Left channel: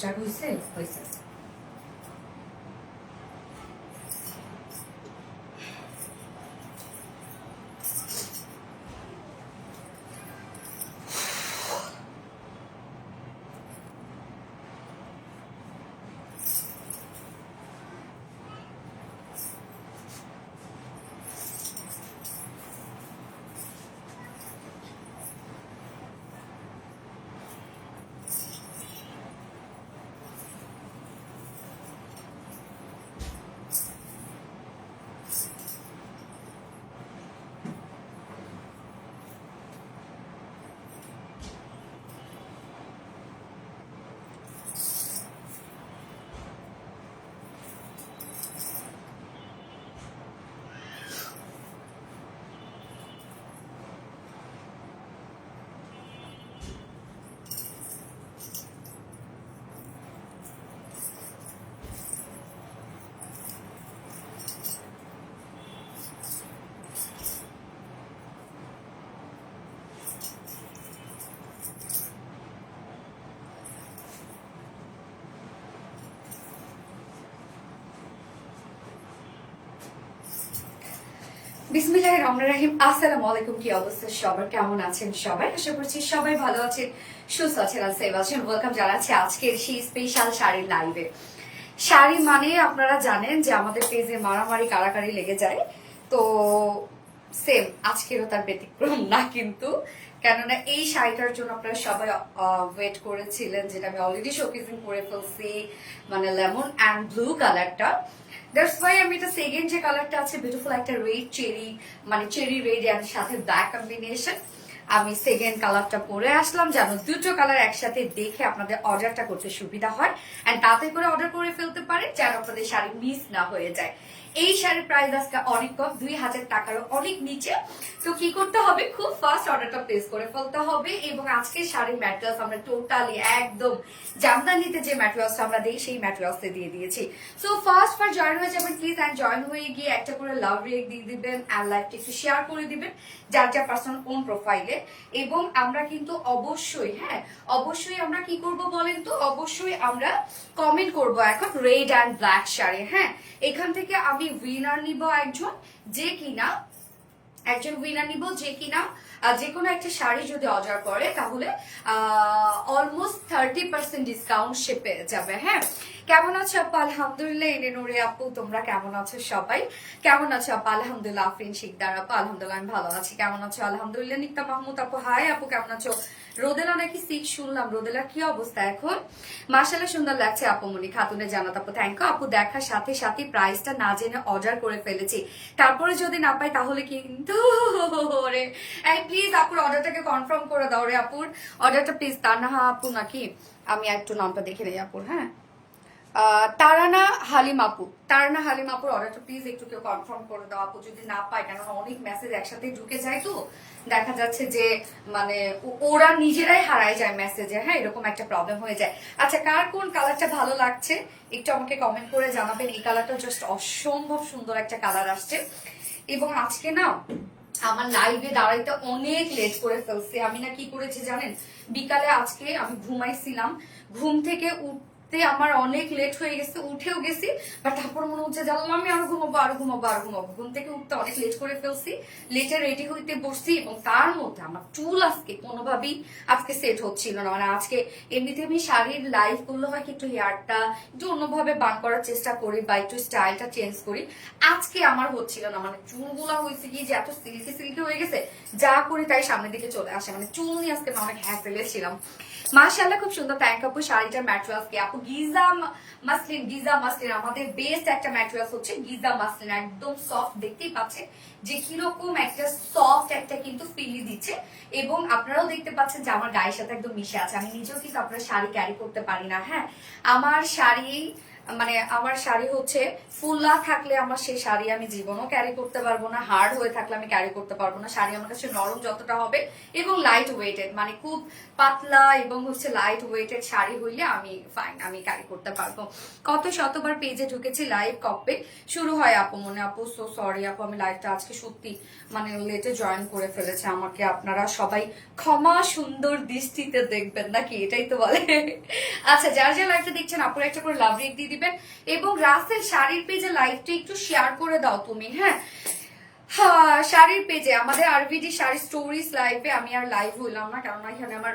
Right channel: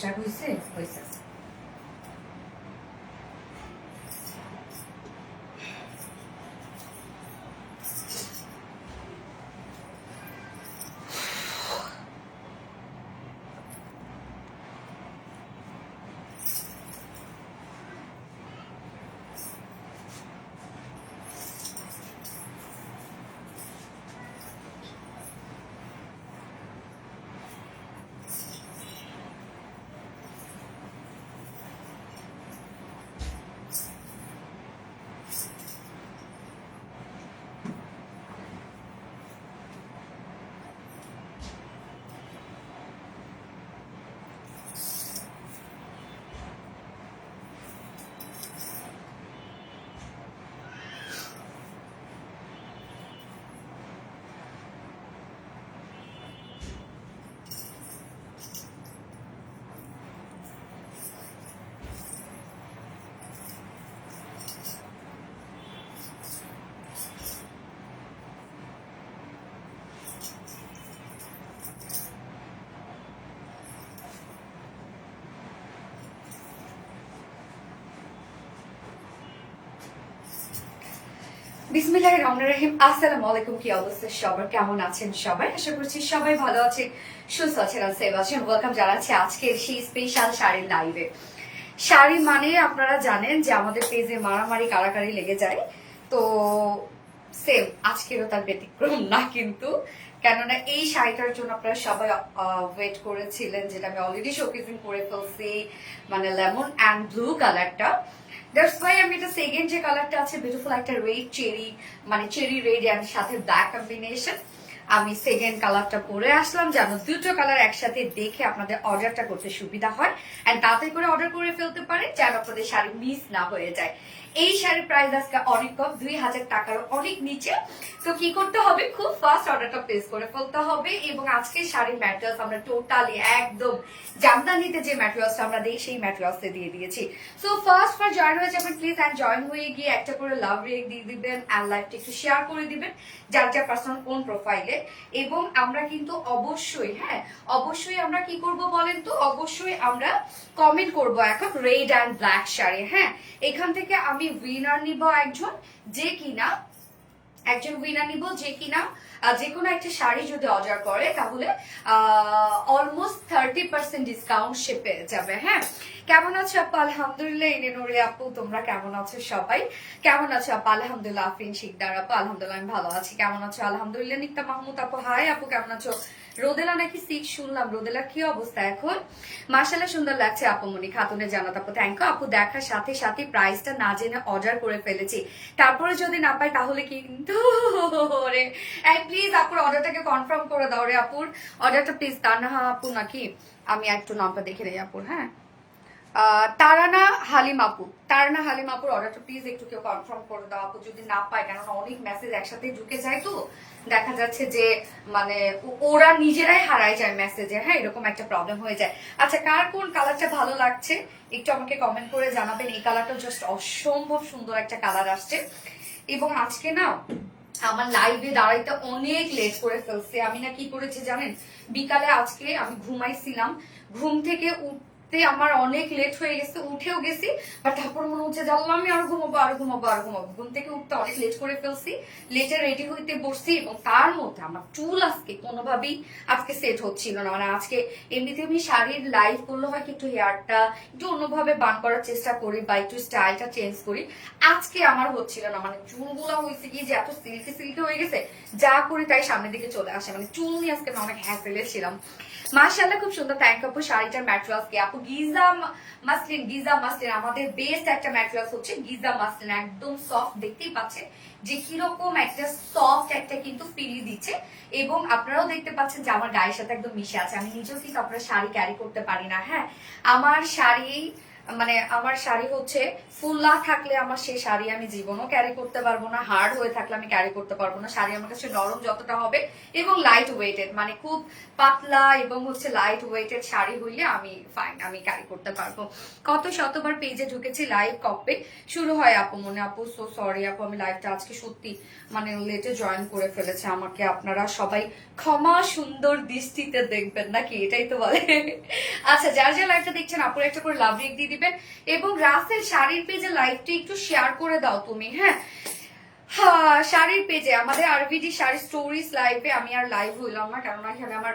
Start হয়েছে হয়েছে বিসমিল্লাহির রহমানির রহিম। আসসালামু আলাইকুম। কি অবস্থা সবার, কেমন আছেন সবাই? আশা করছি সবাই ভালো আছে, সুস্থ আছেন আর সেভ আছেন। ওয়েলকাম জানাচ্ছি আজকের সেই স্পেশাল শাড়ির লাইভে। শাড়ি মানে আপনারা জানেন যে আমাদের পেজে মারামারি কারাকারি লেগে যায়, তো সেম আজকেরও তার ব্যতিক্রম না কিন্তু। কেননা এই শাড়িটার জন্য আপনারা সবাই ওয়েট করেছিলেন, যেটা আমি অলরেডি শোকেসিং করে ফেলছি, মানে লেমন অ্যান্ড ব্লু কালারটা। দ্যাটস ওয়াই আমি এটা সেকেন্ড যে কালারটা আছে, বিউটিফুল একটা রেড চেরি, মানে চেরি রেড এর সাথে ব্ল্যাক কম্বিনেশন, আমি সেকেন্ড কালারটা পরে আসলাম যেন দুটো কালার একসাথে দেখে আপনাদের অর্ডারটা করতে সুবিধা হয়, এন্ড তাতে করে অর্ডার করে ফেলতে পারে যেন আপনাদের শাড়ি মিস না হয়ে যায়। এই শাড়ির প্রাইস আজকে অনেক কম, 2000 টাকারও অনেক নিচে। তো কি করতে হবে, খুব ফাস্ট অর্ডারটা প্লেস করে ফেলতে হবে। এবং আজকে শাড়ির ম্যাটেরিয়ালস আমরা টোটালি একদম জামদানিতে যে ম্যাটেরিয়ালস আমরা দিই সেই ম্যাটেরিয়ালস দিয়ে দিয়েছি। সো ফার্স্ট জয়েন হয়ে যাবেন প্লিজ, এন্ড জয়েন হয়ে গিয়ে একটা করে লাভ রিয়েক্ট দিয়ে দিবেন, এন্ড লাইভটা একটু শেয়ার করে দিবেন যার যার পার্সোনাল কোন প্রোফাইলে। এবং আমরা কিন্তু অবশ্যই অবশ্যই আমরা কি করব বলেন তো, অবশ্যই আমরা কমেন্ট করব এখন রেড অ্যান্ড ব্ল্যাক শাড়ি। এখান থেকে আমি উইনার নিব একজন, যে কিনা যে কোনো একটা শাড়ি যদি অর্ডার করে তাহলে অলমোস্ট 30% ডিসকাউন্ট সে পেয়ে যাবে। কেমন আছো আপু? আলহামদুলিল্লাহ। এনে নুরে আপু, তোমরা কেমন আছো সবাই? কেমন আছো আপু? আলহামদুলিল্লাহ। আফরিন শিকদার আপু, আলহামদুলিল্লাহ আমি ভালো আছি। কেমন আছো? আলহামদুলিল্লাহ। নিত্যা মাহমুদ আপু, হাই আপু, কেমন আছো? রোদেলা নাকি সিক শুনলাম, রোদেলার কি অবস্থা এখন? মাশাআল্লাহ সুন্দর লাগছে আপুমনি খাতুনের জানাত আপু, থ্যাংক ইউ আপু। দেখার সাথে সাথে প্রাইসটা না জেনে অর্ডার করে ফেলেছি, তারপরে যদি না পাই তাহলে কিন্তু রে প্লিজ আপুর অর্ডারটাকে কনফার্ম করে দাও রে আপুর অর্ডারটা প্লিজ। তানহা আপু নাকি, আমি একটু নামটা দেখে নেই আপুর। তারানা হালিম আপুর অর্ডারটা প্লিজ একটু কেউ কনফার্ম করে দাও আপু, যদি না পায়, কেননা অনেক মেসেজ একসাথে ঢুকে যায়, তো দেখা যাচ্ছে যে মানে ওরা নিজেরাই হারায় যায় মেসেজে। এরকম একটা প্রবলেম হয়ে যায়। আচ্ছা, কার কোন কালারটা ভালো লাগছে একটু আমাকে কমেন্ট করে জানাবেন। এই কালারটা জাস্ট অসম্ভব সুন্দর একটা কালার আসছে। এবং আজকে না আমার লাইভে দাঁড়াইতে অনেক লেট করে ফেলছে। আমি না কি করেছি জানেন, বিকালে আজকে আমি ঘুমাইছিলাম, ঘুম থেকে উঠতে আমার অনেক লেট হয়ে গেছে, উঠেও গেছি, বাট তারপর মনে হচ্ছে জানলাম আমি আরো ঘুমাবো। ঘুম থেকে উঠতে অনেক লেট করে ফেলছি, লেটে রেডি হইতে বসছি, এবং তার মধ্যে আমার চুল আজকে কোনোভাবেই আজকে সেট হচ্ছিল না। মানে আজকে এমনিতে আমি শাড়ির লাইভ করলে হয় কি একটু হেয়ারটা একটু অন্যভাবে বান করার চেষ্টা করি বা একটু স্টাইলটা চেঞ্জ করি, আজকে আমার হচ্ছিল না। মানে চুলগুলা হয়েছে কি যে এত সিল্কি হয়ে গেছে, যা করি তাই সামনের দিকে চলে আসে। মানে চুল নিয়ে আজকে অনেক হ্যাসেলে ছিলাম। মাশাআল্লাহ খুব সুন্দর, থ্যাংক আপু। শাড়িটার ম্যাটেরিয়ালস কি আপু? গিজা মাসলিন আমাদের বেস্ট একটা ম্যাটেরিয়ালস হচ্ছে গিজা মাসলিন, একদম সফট, দেখতেই পাচ্ছেন যে কিরকম একটা সফট একটা কিন্তু ফিলি দিচ্ছে। এবং আপনারাও দেখতে পাচ্ছেন যে আমার গায়ের সাথে একদম মিশে আছে। আমি নিজেও কিন্তু আপনার শাড়ি ক্যারি করতে পারি না, আমার শাড়ি মানে আমার শাড়ি হচ্ছে ফুল না থাকলে আমার সেই শাড়ি আমি জীবনও ক্যারি করতে পারবো না, হার্ড হয়ে থাকলে আমি ক্যারি করতে পারবো না। শাড়ি আমার কাছে নরম যতটা হবে এবং লাইট ওয়েটেড, মানে খুব পাতলা এবং হচ্ছে লাইট ওয়েটেড শাড়ি হইলে আমি ফাইন, আমি ক্যারি করতে পারবো। কত শতবার পেজে ঢুকেছি, লাইভ কপে শুরু হয় আপু মনে, আপু সো সরি আপু, আমি লাইভটা আজকে সত্যি মানে লেটে জয়েন করে ফেলেছে, আমাকে আপনারা সবাই ক্ষমা সুন্দর দৃষ্টিতে দেখবেন নাকি, এটাই তো বলে। আচ্ছা, যার যে লাইভটা দেখছেন আপুর একটা করে লাভ রেক দিয়ে দিবেন, এবং রাসেল শাড়ির পেজে লাইভটা একটু শেয়ার করে দাও তুমি, হ্যাঁ। শাড়ির পেজে আমাদের আরভিডি শাড়ি স্টোরিজ লাইভে আমি আর লাইভ হইলাম না, কারণ এখানে আমার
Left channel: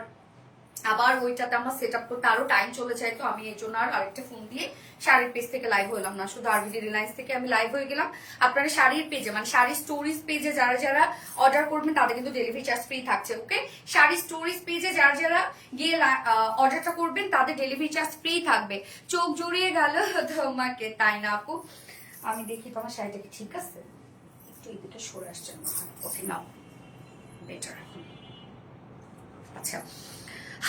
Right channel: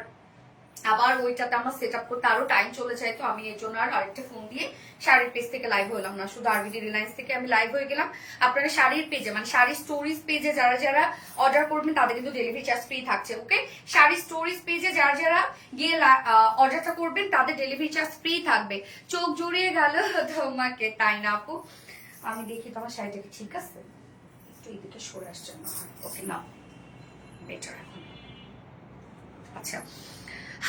আবার ওইটাতে আমার সেট আপ করতে আরো টাইম চলে যায়, তো আমি এই জন্য আর আরেকটা ফোন দিয়ে শাড়ির পেজ থেকে লাইভ হইলাম না, শুধু আরবিডি রিলায়েন্স থেকে আমি লাইভ হয়ে গেলাম। আপনারা শাড়ির পেজে মানে শাড়ি স্টোরিজ পেজে যারা যারা অর্ডার করবেন তাদের কিন্তু ডেলিভারি চার্জ ফ্রি থাকছে, ওকে। শাড়ি স্টোরিজ পেজে যারা যারা গিয়ে অর্ডারটা করবেন তাদের ডেলিভারি চার্জ ফ্রি থাকবে। চোখ জড়িয়ে গেল তোমাকে, তাই না আপু? আমি দেখি তোমার শাড়িটা কি ঠিক আছে, একটু এদিকে সরে আসছে, ওকে নাও বেটার। আচ্ছা,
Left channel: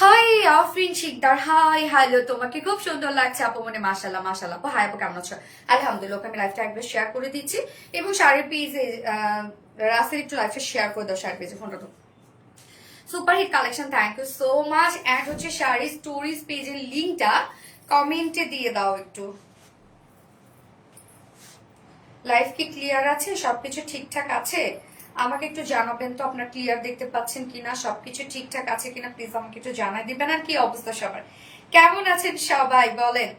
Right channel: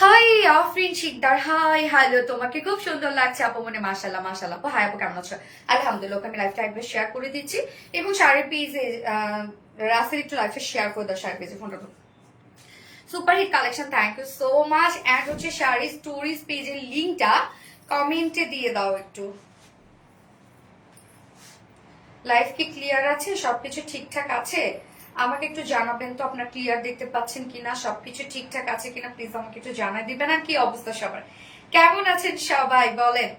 hi Afrin Sikdar, hi hello, তোমাকে খুব সুন্দর লাগছে আপু মনে, মাশাআল্লাহ মাশাআল্লাহ আপু। হাই আপু, কেমন আছো? আলহামদুলিল্লাহ, আমি লাইভটা একবার শেয়ার করে দিচ্ছি, এবং শাড়ির পেজে রাসেল একটু লাইভটা শেয়ার করে দাও, শাড়ির পেজে ফোনটা। Super hit collection, thank you so much. Add হচ্ছে শাড়ি স্টোরিজ পেজের লিঙ্কটা কমেন্টে দিয়ে দাও একটু। লাইভ কি ক্লিয়ার আছে? সবকিছু ঠিকঠাক আছে? আমাকে একটু জানাবেন তো আপনার ক্লিয়ার দেখতে পাচ্ছেন কিনা, সবকিছু ঠিকঠাক আছে কিনা, প্লিজ আমাকে একটু জানাই দিবেন। আর কি অবস্থা সবার, কেমন আছেন সবাই বলেন?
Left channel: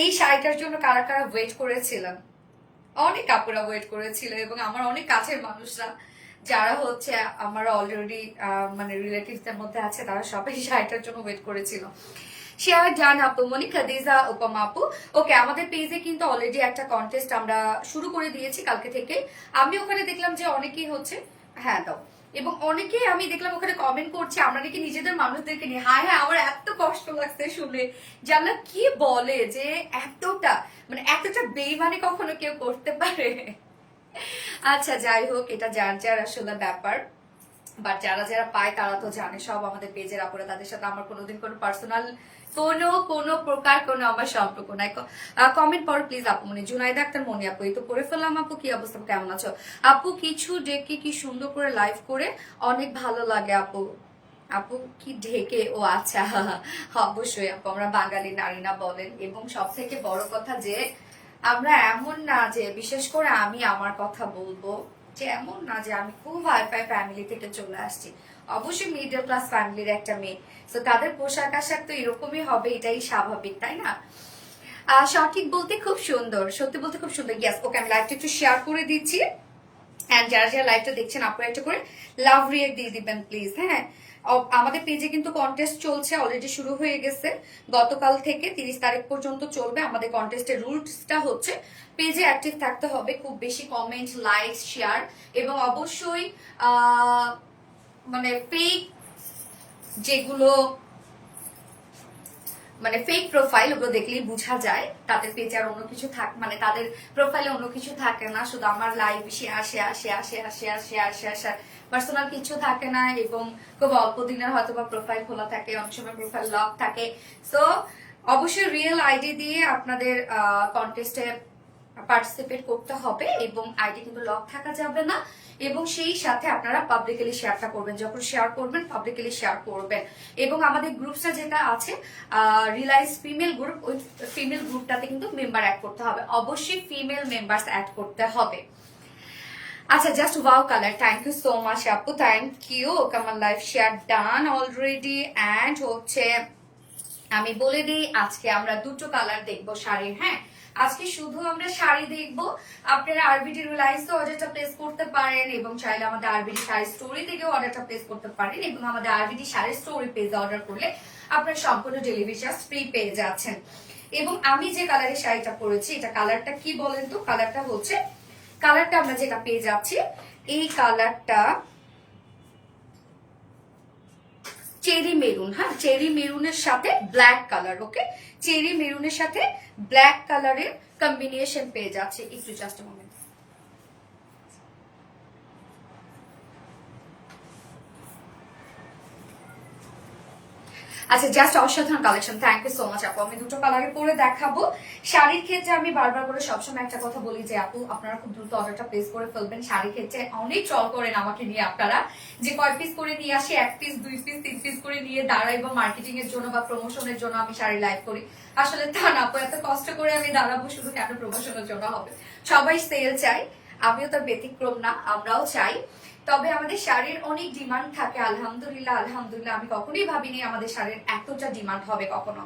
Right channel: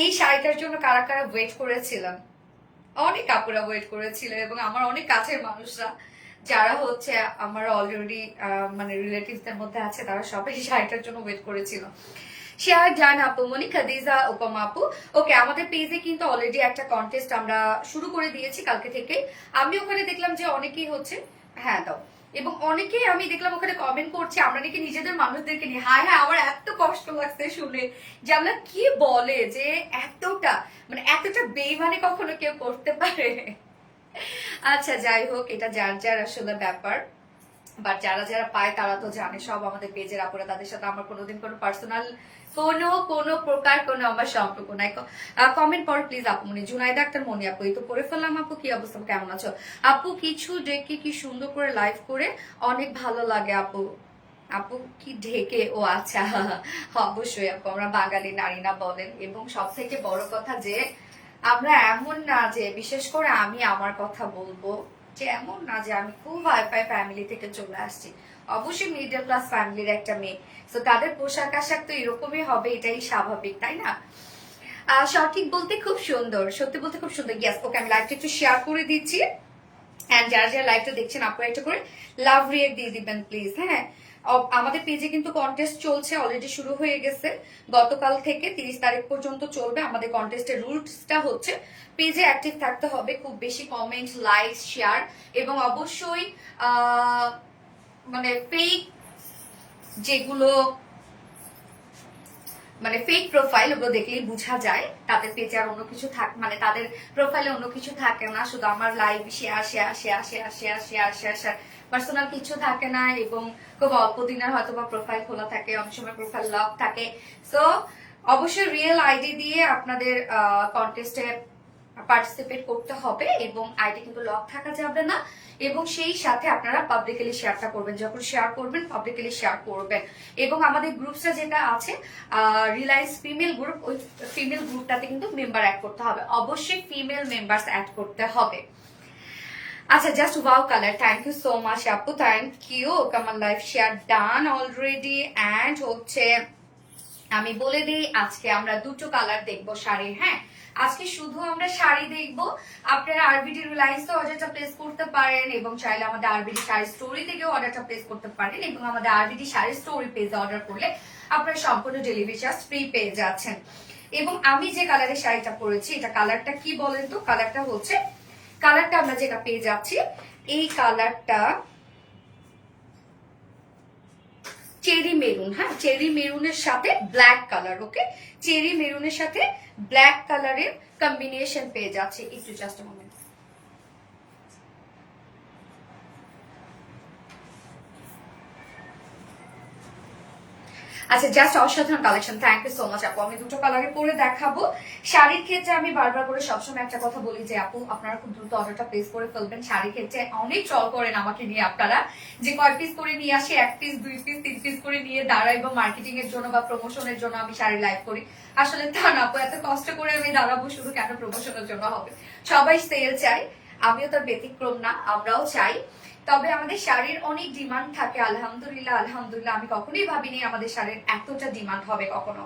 এই শাড়িটার জন্য কারা কারা ওয়েট করেছিলাম? অনেক আপুরা ওয়েট করেছিল, এবং আমার অনেক কাছের মানুষরা যারা হচ্ছে আমার অলরেডি মানে রিলেটিভসদের মধ্যে আছে, তারা সবাই শাড়িটার জন্য ওয়েট করেছিল। শেয়ার জান আপু মনি, খাদিজা উপমা আপু, ওকে। আমাদের পেজে কিন্তু অলরেডি একটা কন্টেস্ট আমরা শুরু করে দিয়েছি কালকে থেকে। আমি ওখানে দেখলাম যে অনেকেই হচ্ছে, হ্যাঁ দাও, এবং অনেকেই আমি দেখলাম ওখানে কমেন্ট করছে আমরা নাকি নিজেদের মানুষদেরকে নিয়ে। হ্যাঁ হ্যাঁ, আমার এত কষ্ট লাগছে শুনে যে আমরা কি বলে যে এতটা মানে এতটা বেইমানি কখনো কেউ করতে পারে। আচ্ছা যাই হোক, এটা যার যার আসলে ব্যাপার, বাট যারা যারা পায় তারা তো জানে, সব আমাদের পেজের আপুরা, তাদের সাথে আমার কোনোদিন কোনো পার্সোনাল কোনো প্রকার কোনো আমার সম্পর্ক নাই। কমেন্ট পড়ো প্লিজ আপু মনি। জুনাইদা আক্তার মনি আপু, এই তো পড়ে ফেললাম। আপু কি অবস্থা, কেমন আছো? আপু কিছু ডেকে কি সুন্দর করে লাইভ করে অনেক ভালো লাগে আপু। আপু কি ঢেকে? ও আচ্ছা, অবশ্যই আপু, আমরা বাঙালি নারী না বলেন, এবং সব থেকে বড় কথা যে আমরা এমন না যে, বিশেষ করে আমি আমার কথা বলবো যে এমন না যে আমি খুব হাইফাই ফ্যামিলি থেকে চলে আসছি, অবশ্যই মিডল ক্লাস ফ্যামিলির একটা মেয়ে, তো তাদের পোশাক আশাক তো এরকমই হবে, এটাই স্বাভাবিক, তাই না? সঠিক বলতে খুব সুন্দর, সত্যি বলতে খুব সুন্দর। ইয়াস, ওকে, আমি লাইভটা একটু শেয়ার করে দিচ্ছি, এন্ড যারা যারা লাইভটা দেখছেন আপনারা একটা করে লাভ রিয়েক্ট দিয়ে দিবেন প্লিজ, হ্যাঁ। আমাদের পেজে কিন্তু কন্টেস্ট চলছে, অলরেডি শুরু হয়ে গেছে, গতকাল থেকে 30 তারিখ পর্যন্ত চলবে। আমাদের কন্টেস্টের রুলসটা হচ্ছে পেজে অ্যাক্টিভ থাকতে হবে, খুব বেশি কমেন্ট, লাইক, শেয়ার, এবং অবশ্যই মানে ফেক যেগুলো মানে ফেক প্রোফাইল, ওগুলো দেখলেই বোঝা যায় তাদের পেজে আর অন্য কিছু থাকে, মানে তাদের প্রোফাইলে অন্য কিছু থাকে না, শুধু আমার live share share share share share share share share, personal কিছু থাকে না, এবং খুব অল্প দিনের হয়তো বা প্রোফাইল খোলা থাকে, অনেক সময় প্রোফাইল লক থাকে। সো অবশ্যই রিয়েল আইডি দিয়ে আপনাদের কন্টেস্টে পার্টিসিপেট করতে হবে, এবং আইডি কিন্তু লক থাকা যাবে না, এবং সেই সাথে আপনারা পাবলিকলি শেয়ারটা করবেন, যখন শেয়ার করবেন পাবলিকলি শেয়ার করবেন। এবং আমাদের গ্রুপসটা যেটা আছে রিলায়েন্স ফিমেল গ্রুপ, ওই ফিমেল গ্রুপটাতে কিন্তু মেম্বার অ্যাড করতে হবে, অবশ্যই ফিমেল মেম্বার্স অ্যাড করতে হবে। আচ্ছা, just wow colour, thank you so much আপু, থ্যাংক ইউ। আমার live share done already, and হচ্ছে আমি বলে দিই আজকে আমরা দুটো কালার দেখবো শাড়ির, হ্যাঁ। আজকে শুধু আমরা শাড়ি দেখবো, আপনারা আরবিডি রিলায়েন্স অর্ডারটা প্লেস করতে পারেন, এবং চাইলে আমাদের আরবিডি শাড়ি স্টোরি থেকেও অর্ডারটা প্লেস করতে পারেন, এবং আমাদের আরবিডি শাড়ি স্টোরি পেজে অর্ডার করলে আপনারা সম্পূর্ণ ডেলিভারি চার্জ ফ্রি পেয়ে যাচ্ছেন। এবং আমি যে কালারের শাড়িটা পরেছি, এটা কালারটা কি বলেন তো? কালারটা হচ্ছে, কালারটা আমরা যেটা পেয়ে যাচ্ছি, এই কালারটা চেরি মেরুন, হ্যাঁ, চেরি মেরুনের সাথে ব্ল্যাক কালার, ওকে। চেরি মেরুনের সাথে ব্ল্যাক কালারের কম্বিনেশন পেয়ে যাচ্ছে। একটু জাস্ট মোমেন্ট, আচ্ছা, জাস্ট অসাধারণ collection, thank you so much আপু। আমি দুটো কালারে পরে দেখাবো। শাড়ির ক্ষেত্রে আমি বারবার করে সবসময় একটা কথা বলি যে আপু আপনারা খুব দ্রুত অর্ডারটা প্লেস করে ফেলবেন। শাড়ির ক্ষেত্রে অনেক ট্রল করেন আমাকে নিয়ে আপনারা, যে কয় পিস করে নিয়ে আসে, 1 পিস 2 পিস 3 পিস করে নিয়ে দাঁড়াইবো মার্কেটিং এর জন্য বা প্রমোশনের জন্য আমি শাড়ি লাইভ করি। আসলে তা না আপু, এত কষ্ট করে আমি দাঁড়াবো শুধু কেন প্রমোশনের জন্য হবে? সবাই সেল চাই, আমিও তার ব্যতিক্রম না, আমরাও চাই। তবে আমাদের শাড়ির অনেক ডিমান্ড থাকে, আলহামদুলিল্লাহ আলহামদুলিল্লাহ। আমি কখনোই ভাবিনি আমাদের শাড়ির এতটা ডিমান্ড হবে কখনো,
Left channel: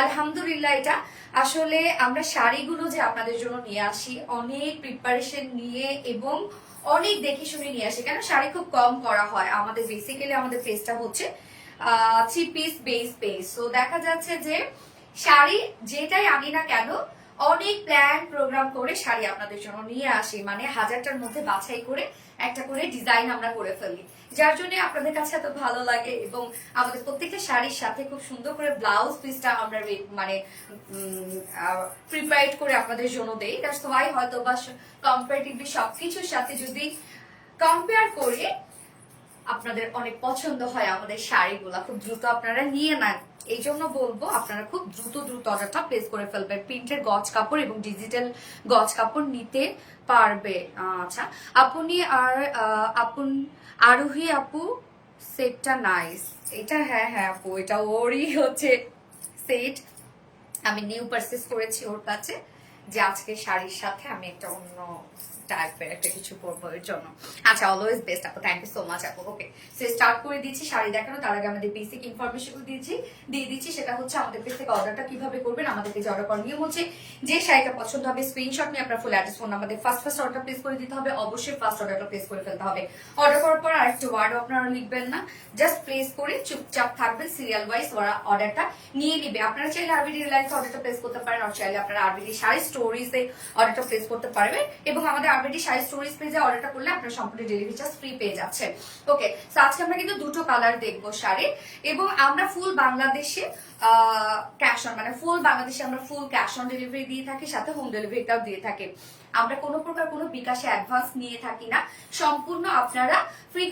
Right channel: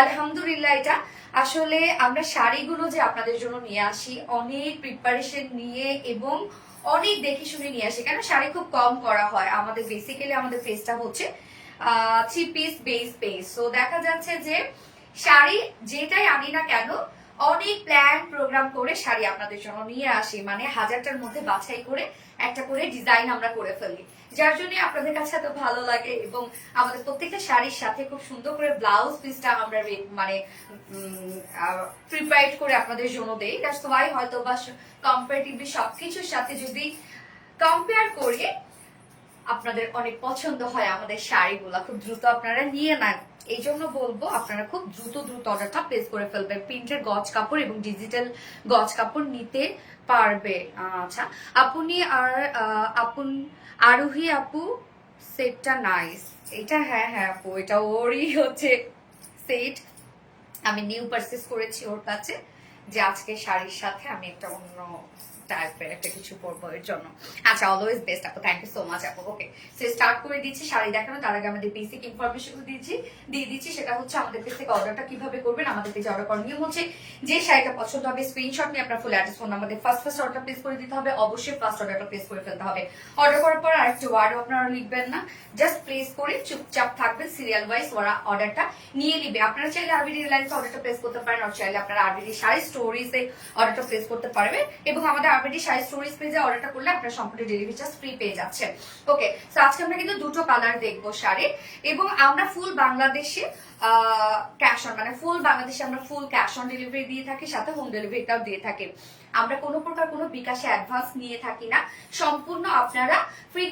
আলহামদুলিল্লাহ। এটা আসলে আমরা শাড়িগুলো যে আপনাদের জন্য নিয়ে আসি অনেক প্রিপারেশন নিয়ে এবং অনেক দেখে শুনে নিয়ে আসি, কেন শাড়ি খুব কম করা হয় আমাদের। বেসিক্যালি আমাদের পেজটা হচ্ছে 3 পিস বেস পেজ। তো দেখা যাচ্ছে যে শাড়ি যেটাই আনি না কেন অনেক প্ল্যান প্রোগ্রাম করে শাড়ি আপনাদের জন্য নিয়ে আসি, মানে 1000টার মধ্যে বাছাই করে একটা করে ডিজাইন আমরা করে ফেলি, যার জন্য আপনাদের কাছে এত ভালো লাগে। এবং আমাদের প্রত্যেকটা শাড়ির সাথে খুব সুন্দর করে ব্লাউজ পিসটা আমরা মানে প্রিপেয়ার করে আপনাদের জন্য দেই। দ্যাটস ওয়াই হয়তো বা কম্পারেটিভলি সবকিছুর সাথে যদি কম্পেয়ার করে আপনাদের অনেক পছন্দ হয় আমাদের শাড়িগুলো, খুব দ্রুত আপনারা নিয়ে নেন। এই জন্য বলবো আপনারা খুব দ্রুত অর্ডারটা প্লেস করে ফেলবেন। প্রিন্টের গজ কাপড় এবং ডিজিটাল গজ কাপড় নিতে পারবে। আচ্ছা, আপনি আর আপন আরোহী আপু সেটটা নাইস। এটা হ্যাঁ হ্যাঁ আপু, এটা ওরই হচ্ছে সেট। আমি নিউ পারচেজ করেছি ওর কাছে, যে আজকে শাড়ির সাথে আমি একটা অন্য টাইপের একটা কিছু পরবো এর জন্য। আচ্ছা, অলওয়েজ বেস্ট আপু, থ্যাংক ইউ সো মাচ আপু। ওকে, সো স্টার্ট করে দিচ্ছি শাড়ি দেখানো। তার আগে আমাদের বেসিক ইনফরমেশন দিয়ে দিচ্ছি, সেটা হচ্ছে আমাদের পেজ থেকে অর্ডারটা কিভাবে করবেন। আমাদের পেজে অর্ডার করার নিয়ম হচ্ছে যে শাড়িটা পছন্দ হবে স্ক্রিনশট নিয়ে আপনার full address phone number first order place করে দিতে হবে। অবশ্যই ফার্স্ট অর্ডারটা প্লেস করে ফেলতে হবে। অর্ডার করার পর আরেকটা ওয়ার্ডও আপনারা লিখবেন না, জাস্ট প্লেস করে চুপচাপ থাকবেন, সিরিয়াল ওয়াইজ ওরা অর্ডারটা নিয়ে নিবে। আপনারা চাইলে আরবিডি রিলায়েন্সে অর্ডারটা প্লেস করতে পারেন, আর চাইলে আপনারা আরবিডি শাড়ি স্টোরিজে অর্ডারটা প্লেস করতে পারবেন। এবং আমাদের আরবিডি শাড়ি স্টোরিজ পেজে অর্ডারটা করলে আপনারা সম্পূর্ণ ডেলিভারি চার্জ ফ্রি পেয়ে যাচ্ছেন। ওকে, সো আজকে আমরা কিন্তু দুটো কালার দেখবো শাড়ির, এবং আমরা ফুল বাংলাদেশে ক্যাশ অন, মানে ফুল বাংলাদেশে আমরা ফুল ক্যাশ অন ডেলিভারি দিয়ে থাকি, সাথে হোম ডেলিভারিটাও দিয়ে থাকি। আমরা কোনো প্রকার কোনো বিকাশে অ্যাডভান্স নিয়ে থাকি না, সম্পূর্ণ আপনারা ফ্রি,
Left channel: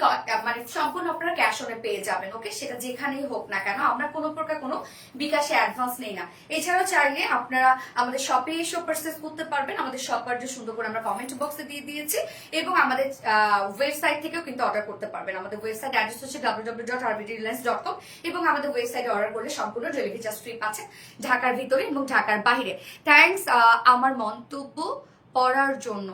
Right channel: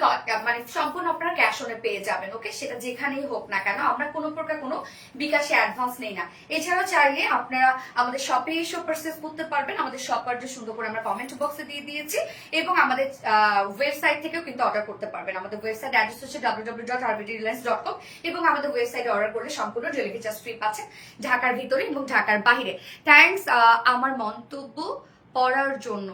মানে সম্পূর্ণ আপনারা ক্যাশ অনে পেয়ে যাবেন। ওকে, সেটা যেখানেই হোক না কেন আমরা কোনো প্রকার কোনো বিকাশে অ্যাডভান্স নেই না। এছাড়াও চাইলে আপনারা আমাদের শপে এসেও পারচেজ করতে পারবেন। আমাদের শপ যে সুন্দর করে আমরা কমেন্ট বক্সে দিয়ে দিয়েছি, এবং আমাদের ওয়েবসাইট থেকেও কিন্তু অর্ডার করতে পারবেন। আমাদের ওয়েবসাইট অ্যাড্রেস হচ্ছে www.rbdreliance.com, এবং আমাদের ওয়েবসাইটে অর্ডার করলে সম্পূর্ণ ডেলিভারি চার্জ ফ্রি পাচ্ছেন ঢাকার ভিতরে এবং ঢাকার বাইরে। থ্যাংকস আমার মন্তব্য পড়ার জন্য।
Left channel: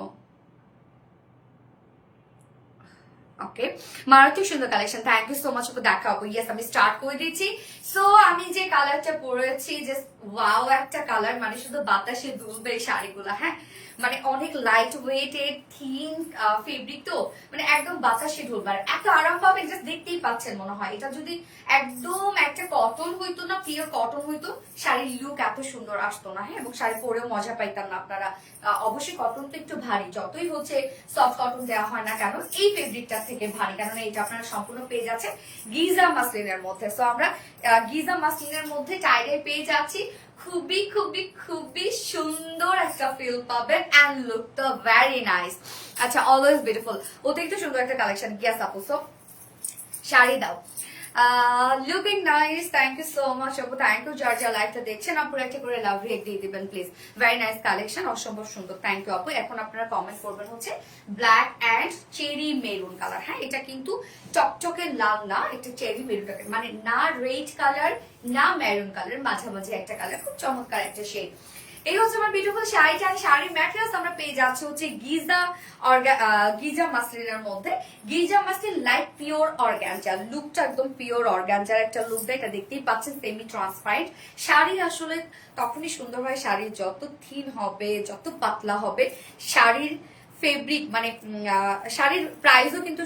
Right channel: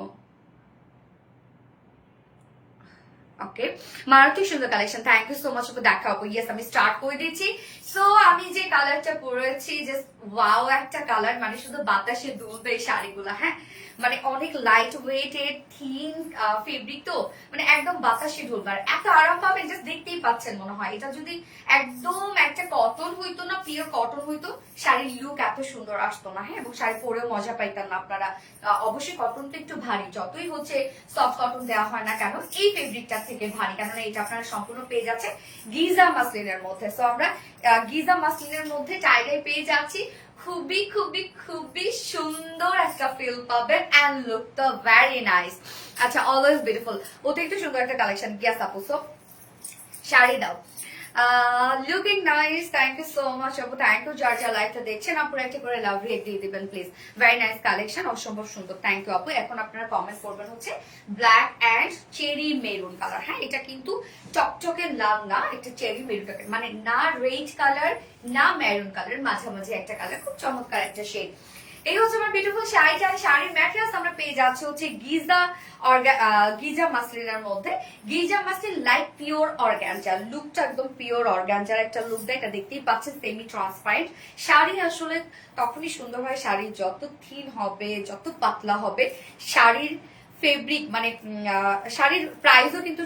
ওকে, মারাত্মক সুন্দর কালেকশন, thank you so much. Okay দেখাবো, ইয়েস আমি স্টার্ট করে দিচ্ছি। সো আমি যে কালারটা পরেছি, জাস্ট ওয়াও একটা কালার, মানে শুধু বাতাসে দুলবে এই শাড়িগুলো। হ্যাঁ, মানে অনেক লাইট ওয়েটেড থিন ফেব্রিক, তো মানে একদম বাতাসে ঢুলবার এত আরাম পাবেন, জাস্ট দেখতেই পাচ্ছেন। মনে হয় এটা যদি একদম একটা কটন হইতো না, পিওর কটন হইতো, শাড়ির লুক এত সুন্দর আসতো না। হ্যাঁ, এবং শাড়ি পরেও মজা পাইতেন না আপনারা। অবশ্যই কটনটা একটু ভারী, যতই হচ্ছে সফট কটন দেওয়া হয় না কেন, এই ফেব্রিকটা থেকে ভারী, কারণ এটা আপনারা সম্পূর্ণ পেয়ে যাচ্ছে গিজা মাসলিনের মধ্যে। সো আমরা গিজা মাসলিনের মধ্যে টাইডাই পেয়ে যাচ্ছি। খুবই খুবই খুবই সুন্দর একটা ফিল পাবেন, এন্ড লুক তো ভেরি নাইস। আচ্ছা, অলওয়েজ বিউটিফুল, ওতে একটু সুন্দর একটা কালেকশন। গিয়াস আপু, সো শাড়ি দাও। Looking nice, thank you so much আপু, থ্যাংক ইউ। যার যা লাইভটা দেখছেন আপুরা একটা করে লাভ রেট দিয়ে দিবেন প্লিজ। ভেরি নাইস কালেকশন, অসম্ভব সুন্দর, থ্যাংক ইউ আপু। এখন আপনারা কমেন্ট করবেন হচ্ছে black and cherry maroon colour. হ্যাঁ, এটা কিন্তু চকচকে লাল না, এটা চেরি মেরুন কালার, মানে না রেড কালার না মেরুন কালার, মাঝামাঝি একটা কালার, খুব চমৎকার একটা শেড। এই হচ্ছে আমার বিউটিফুল শাড়িটা। শাড়ির ম্যাটেরিয়ালস আমরা পেয়ে যাচ্ছি হচ্ছে গিজা মাসলিনের মধ্যে। Giza muslin like pure organza, লুকটা একদম পিওর অর্গানজার একটা লুক দেয়, এটা দেখতেই পাচ্ছেন সেমি ট্রান্সপারেন্ট। শাড়ি আসলে তখনই সুন্দর হয়, শাড়ি যত থিন হবে, যত পাতলা হবে, শাড়ির ফেব্রিক মানে শাড়ির প্রাইসও কিন্তু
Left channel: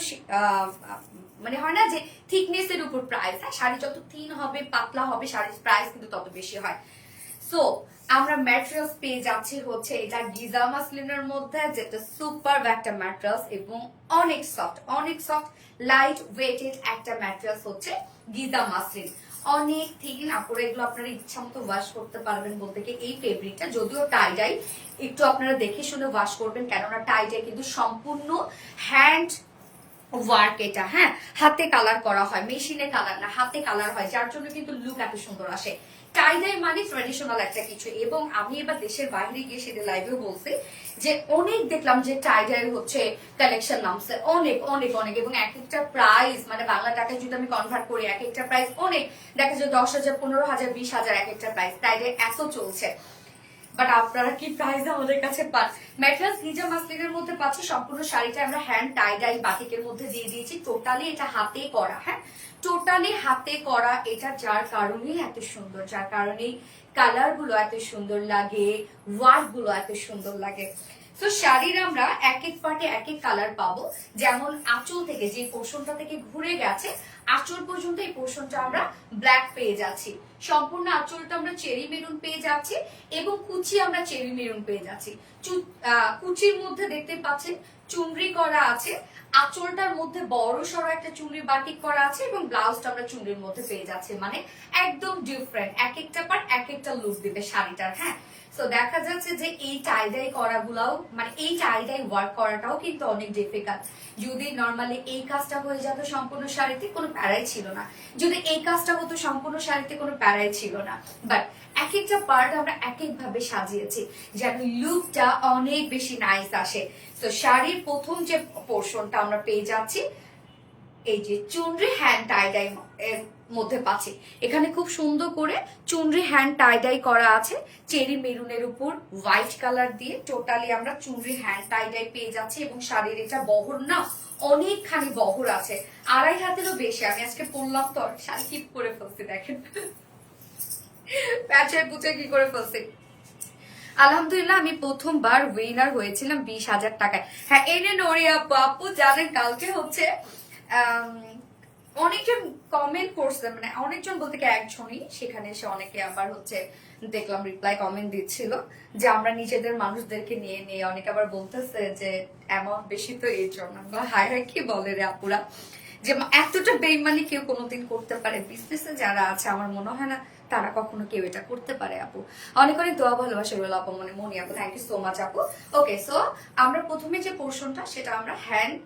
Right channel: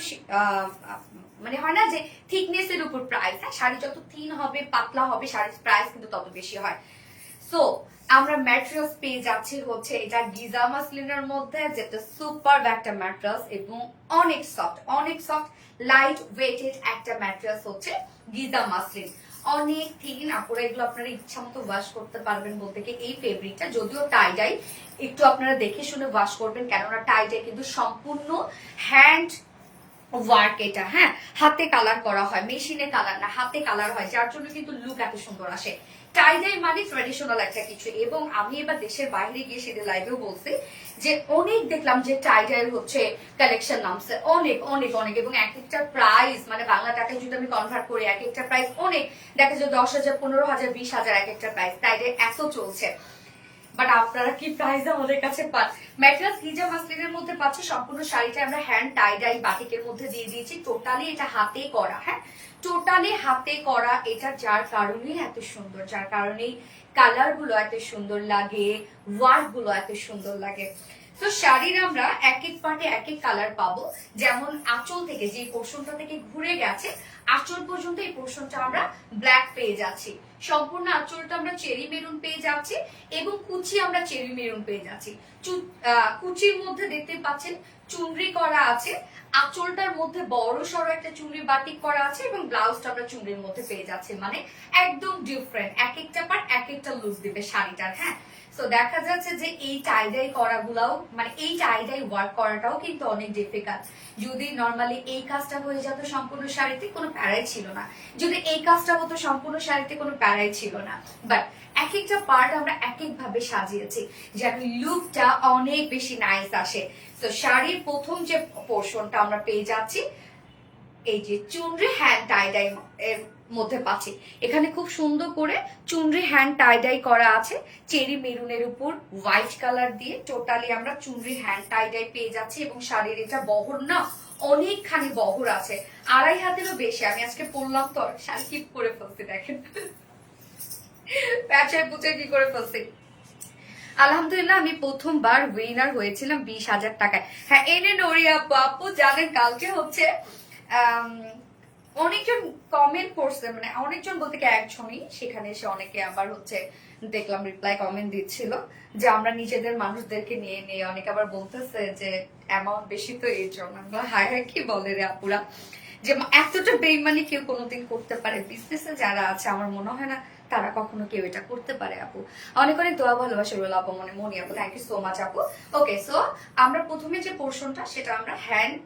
মানে হয় না যে থিকনেস এর উপর প্রাইস। হ্যাঁ, শাড়ি যত থিন হবে, পাতলা হবে, শাড়ির প্রাইস কিন্তু তত বেশি হয়। সো আমরা ম্যাটেরিয়ালস পেয়ে যাচ্ছি হচ্ছে এটা গিজা মাসলিনের মধ্যে, যেটা সুপার একটা ম্যাটেরিয়ালস এবং অনেক সফট লাইট ওয়েটেড একটা ম্যাটেরিয়ালস হচ্ছে গিজা মাসলিন। অনেক থিন, আপনারা এগুলো আপনারা ইচ্ছা মতো ওয়াশ করতে পারবেন। বলতে কি এই ফেব্রিকটা যদিও টাইডাই, একটু আপনারা দেখে শুনে ওয়াশ করবেন, কেননা টাইডাই কিন্তু সম্পূর্ণ হ্যান্ড ওয়ার্ক এটা, হ্যাঁ, হাতে কালার করা হয়, মেশিনে কালার না, হাতে কালার হয়, যার জন্য কিন্তু লুক এত সুন্দর আসে। টাই ডাই মানে ট্রেডিশনাল একটা কিছু। এবং আমি এবার দেশের বাইরে গিয়ে সেটা লাইভেও বলছি যে অনেক দেখলাম যে টাই ডাই হচ্ছে কালেকশন নামছে, অনেক অনেক অনেক, এবং এক একটা প্রাইস মানে বাংলা টাকায় যদি আমি কনভার্ট করি এক একটা প্রাইস অনেক, দেখা যায় 10,000, 15,000, 20,000 এক একটা প্রাইস টাই ডাই এত চলছে। বাট আপনারা কি প্রাইস আমাদের কাছে পান? ম্যাটেরিয়ালস গিজা মাসলিনের মধ্যে পাচ্ছি, সম্পূর্ণ শাড়িটা আমরা হ্যান্ড টাই ডাই বাটিকের মধ্যে দিয়ে দিয়েছি, টোটালি এটা হাতে করা, হ্যাঁ, টোটালি হাতে করা এটা, যার কারণেই এত সুন্দর, যার কারণেই কালার গুলো এত সুন্দর লাগে, ওয়ার্ক গুলো এত সুন্দর লাগে। তো শাড়ির আমরা এক এক পার্টে এক এক কালার পাবো, যেমন আঁচল থেকে যে পোর্শনটা থেকে ঘুরে গেছে আঁচল পর্যন্ত এই পোর্শনটা আমরা ব্ল্যাক পেয়ে যাচ্ছি, সম্পূর্ণ আঁচলটা আমরা চেরি মেরুন পেয়ে যাচ্ছি, এবং কুচি আমরা চেরি মেরুন পেয়ে যাচ্ছি। কুচির মধ্যে দেখতে পাচ্ছেন চুনরি করা আছে, আঁচলটার মধ্যে বড় সড়ো একটা চুনরি বাটিক করা আছে, এবং ব্লাউজটা আমরা চুনরির মধ্যে পেয়ে যাচ্ছি, মানে একদম ডিফারেন্ট, এক একটা পার্ট এক একটা লুক দিবে শাড়িটার, হ্যাঁ। তো দেখা যাচ্ছে যে এই টাইডাই করাগুলাও মানে এই টাইডাই ওয়ার্ক করাটাও কিন্তু অনেক ডিফিকাল্ট। যদি নর্মালি এই কাজটা হয়ে যেত সম্পূর্ণ শাড়িতে কোনো প্যারাই ছিল না, যদি এই কাজটা হতো সম্পূর্ণ শাড়িতে কোনো প্যারাই ছিল না, বাট এক একটা পার্ট আমরা এক এক ভাবে সাজিয়েছি যেন লুকটা অনেক বেশি নাইস আসে। তো শাড়ির প্রথম যে পোর্শনটা আমরা পেয়ে যাচ্ছি এই যে চুনরি হ্যান্ড টাইডাই এর মধ্যে পাচ্ছি, এখানে খুব সুন্দর করে চুনরি হ্যান্ড টাইডাই করা আছে, চেরি মেরুনের উপর হোয়াইট কালার দিয়ে টোটালি আমরা চুনরি হ্যান্ড টাইডাই পেয়ে যাচ্ছি। এবং শাড়ির এটা বহর না অনেকখানি বহর আছে, 2.5 হাতেরও বেশি। আমি আজকে পরলাম তো শাড়ি কি করে ফেলছি দেখেন, প্যাচের পুচে কি করে ফেলছি। আলহামদুলিল্লাহ আমি প্রথমবার উইনার হয়েছিলাম 20,000 টাকায়। হ্যাঁ এনে নড়িয়া বাপু জানেন কালকে হচ্ছে অনেকজন কমেন্ট করছে, মানে অনেকজন বলতে কি একজনই, সেখানে এসে অনেকে আবার হচ্ছে দেখলাম রিপ্লাই কমেন্ট দিচ্ছিল যে আমরা নিজেদের মানুষদেরকে নিয়ে নিয়ে, অনেকে আবার বলতেছে যে অ্যামাউন্ট বেশি তো এই জন্য। হায় হায় কি বলে রে আপুরা, যে এতটা বেইমানি কেউ কোনোদিন করতে পারে? বিজনেসে যারা আছে আমার মনে হয় না তারা কখনো কেউ এটা করতে পারে। আপু অনেক অনেক দোয়া ভালোবাসা রইল আপু, মানে মনি আপু, থ্যাংক ইউ সো মাচ আপু। ওকে, সো আমরা প্রথমে যে পোর্শনটা সেটা আমরা হ্যান্ড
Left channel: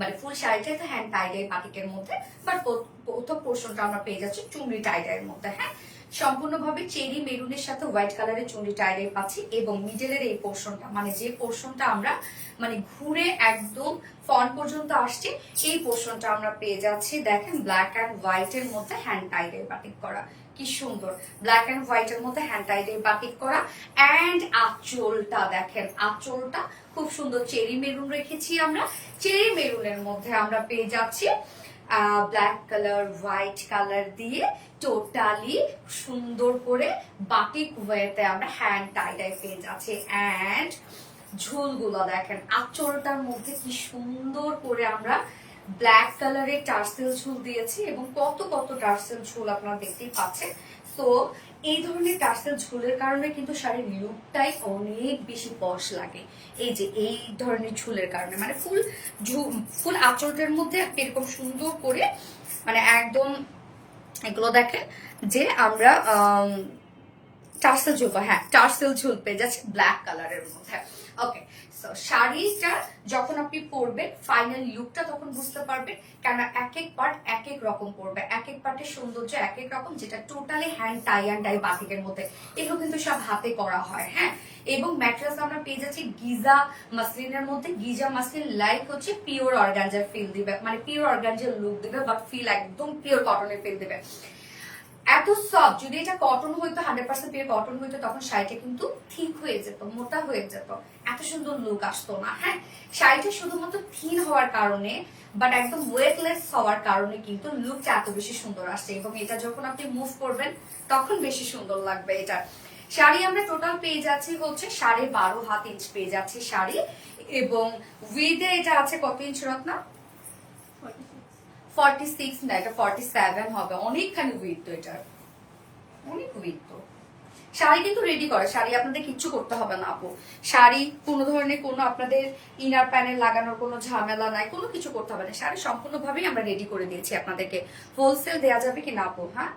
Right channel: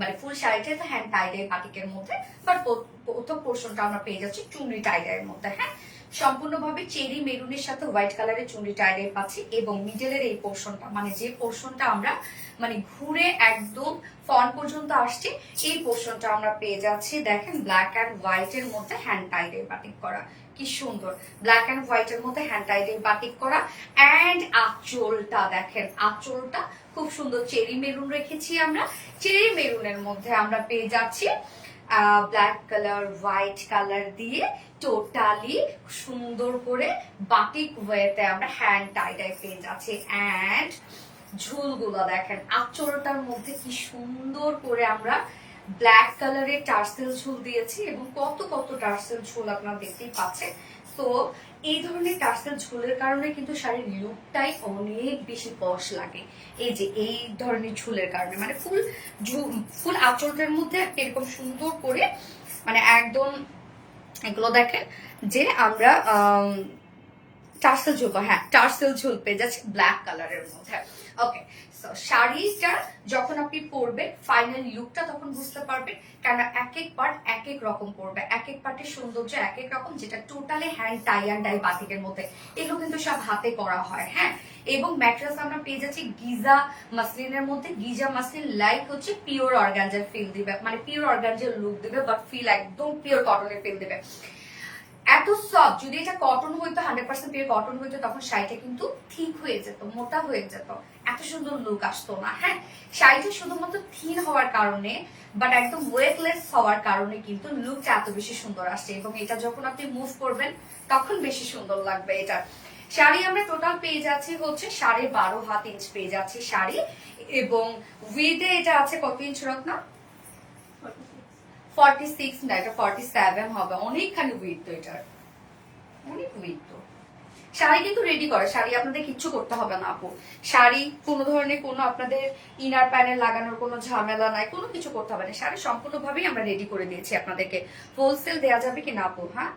মানে ফুল শাড়িটা তো হ্যান্ড টাইডাই বাটিকের মধ্যে, বাট প্রথম পোর্শনটা আমরা পেয়ে যাচ্ছি চুনরি টাইডাইয়ের মধ্যে, হ্যাঁ, সম্পূর্ণভাবে চেরি মেরুনের সাথে হোয়াইট কালারের চুনরি টাইডাই পাচ্ছি। এবং মিডলের এই পোর্শনটা মানে যে পোর্শনটা আমরা মানে ঘুরে একদম ফ্রন্ট পর্যন্ত আসছে, এই পোর্শনটা আমরা পেয়ে যাচ্ছি দেখেন ব্ল্যাক অ্যান্ড হোয়াইট এর মধ্যে হ্যান্ড টাইডাই বাটিক করা, কি সুন্দর, ব্ল্যাক অ্যান্ড হোয়াইট এর মধ্যে হ্যান্ড টাইডাই বাটিক করা। অ্যান্ড আঁচলটা দেখেন, আঁচলটা খুব সুন্দর চেরি মেরুন রেখেছি আমরা, চেরি মেরুনের মধ্যে আমরা পেয়ে যাচ্ছি ব্ল্যাক কালার হোয়াইট কালার দিয়ে টোটালি সুন্দর করে বাটিক ওয়েতে আমরা হ্যান্ড টাইডাই পেয়ে যাচ্ছি। অ্যান্ড ঝুলগুলো দেখেন, আঁচলটার মধ্যে কি সুন্দর করে আমরা ব্ল্যাক কালারের টার্সেল ঝুল দিয়েছি, এবং কত কত টার্সেল ঝুল আপনারা দেখতেই পাচ্ছেন। তো এই ধরনের টার্সেল ঝুলের কারণে কিন্তু শাড়ির লুকটাই অনেক বেশি পশ লাগে। এই যে এই ধরনের ঝুলের কারণে মানে ফুল আঁচলটার মধ্যে এরকম সুন্দর করে মানে একদম এগুলো দেখেন যে আমরা টার্সেল ঝুল, হ্যাঁ টার্সেল ঝুল পেয়ে যাচ্ছে ব্ল্যাক কালারের মধ্যে। ওকে, শাড়িটা যখন আপনি পরবেন ফাইনাল লুকটা তখন বুঝতে পারবেন, কেন এক এক পার্ট এক এক রকম পরবে, এক এক পার্টের সৌন্দর্য এক এক রকম, যেটা totally hand tie and dye বাটিকের মধ্যে, এগুলো কিন্তু সব হাতে করা হয়, হ্যাঁ। এবং ম্যাটেরিয়ালস আমরা পেয়ে যাচ্ছি গিজা মাসলিনের মধ্যে, গিজা মাসলিন লাইক হচ্ছে পিওর অর্গানজার ফিল দিবে, মানে পিওর অর্গানজার লুক দিবে, বাট ফিল একদম পিওর কটনের ফিল দিবে। এত সফট, যদি এটা কটন হইতো 100% পিওর কটন হইতো তখন শাড়িটা কিন্তু থিক হয়ে যেত, মোটা হয়ে যেত, এত সুন্দর লুক আসতো না, হ্যাঁ। শাড়িটা শুধুমাত্র থিন হওয়ার কারণে বাট একদম ওয়েটলেস হওয়ার কারণে কিন্তু লুকটা এত বেশি সুন্দর আসছে, এবং এটা যখন আপনি মুভ করবেন তখন বেশি সুন্দর লাগবে এটা। শাড়ি আমরা টোটাল পেয়ে যাচ্ছি হচ্ছে 12.5 হাত ইঞ্চ পেয়ে যাচ্ছি শাড়ি, এবং উইথে এটা আছে কত ইঞ্চ রত্না? 46 না, এটা 47 হবে, অনেকখানি উইথ তো, এটার অনেক উইথ তো। শাড়ি কিন্তু রেডি করে, শাড়ি আপনাদের কিচ্ছু করতে হবে না আপু, শাড়ি কোনো ধরনের কোনো আপনাদের ইনার প্যানেল লাগানোর কোনো ঝামেলা নাই, কোনো কিছু করতে হবে না, শাড়ি সম্পূর্ণভাবেই আমরা রেডি করে দিয়েছি আপনাদেরকে। হোলসেল দেওয়া যাবে কি না আপু? হ্যাঁ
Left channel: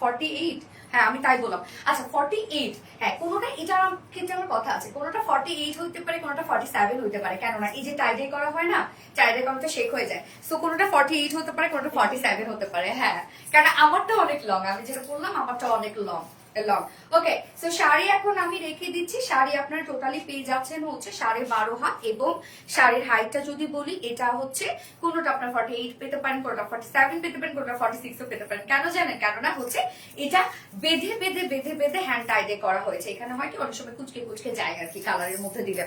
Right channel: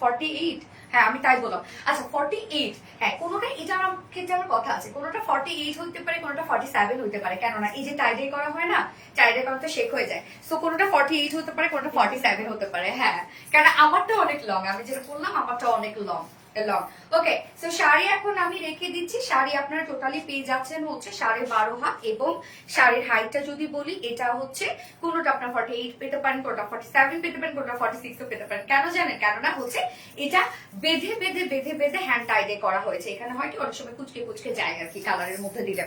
48 হ্যাঁ আমি তাই বললাম। আচ্ছা 48, হ্যাঁ কোনোটা এটা আমার ক্ষেত্রে আমার কথা আছে, কোনোটা 48 হইতে পারে, কোনোটা 47 হইতে পারে, কেননা এই যে টাইডে করা হয় না, টাইডে করা তো শেক হয়ে যায়, সো কোনোটা 48 হতে পারে, কোনোটা 47 হতে পারে। হ্যাঁ কারণ আমারটা অনেক লং, আমি যেটা বললাম আমারটা অনেক long long. Okay so sari এখন আমি রেখে দিচ্ছি। শাড়ি আপনারা টোটালি পেয়ে যাচ্ছেন হচ্ছে 12.5 হাত, এবং শাড়ির হাইটটা যদি বলি এটা হচ্ছে কোনোটা আপনার 48 পেতে পারেন, কোনোটা 47 পেতে পারেন, কোনোটা 46 ও পেতে পারেন। কেন জানেন? কেননা হচ্ছে এটা বেঁধে বেঁধে বেঁধে বেঁধে হ্যান্ড টাইডে করা হয়েছে। এখানে হয় কি অনেক সময় কুচকে কুচকে যায় আর কি কালারের মধ্যে দিলে।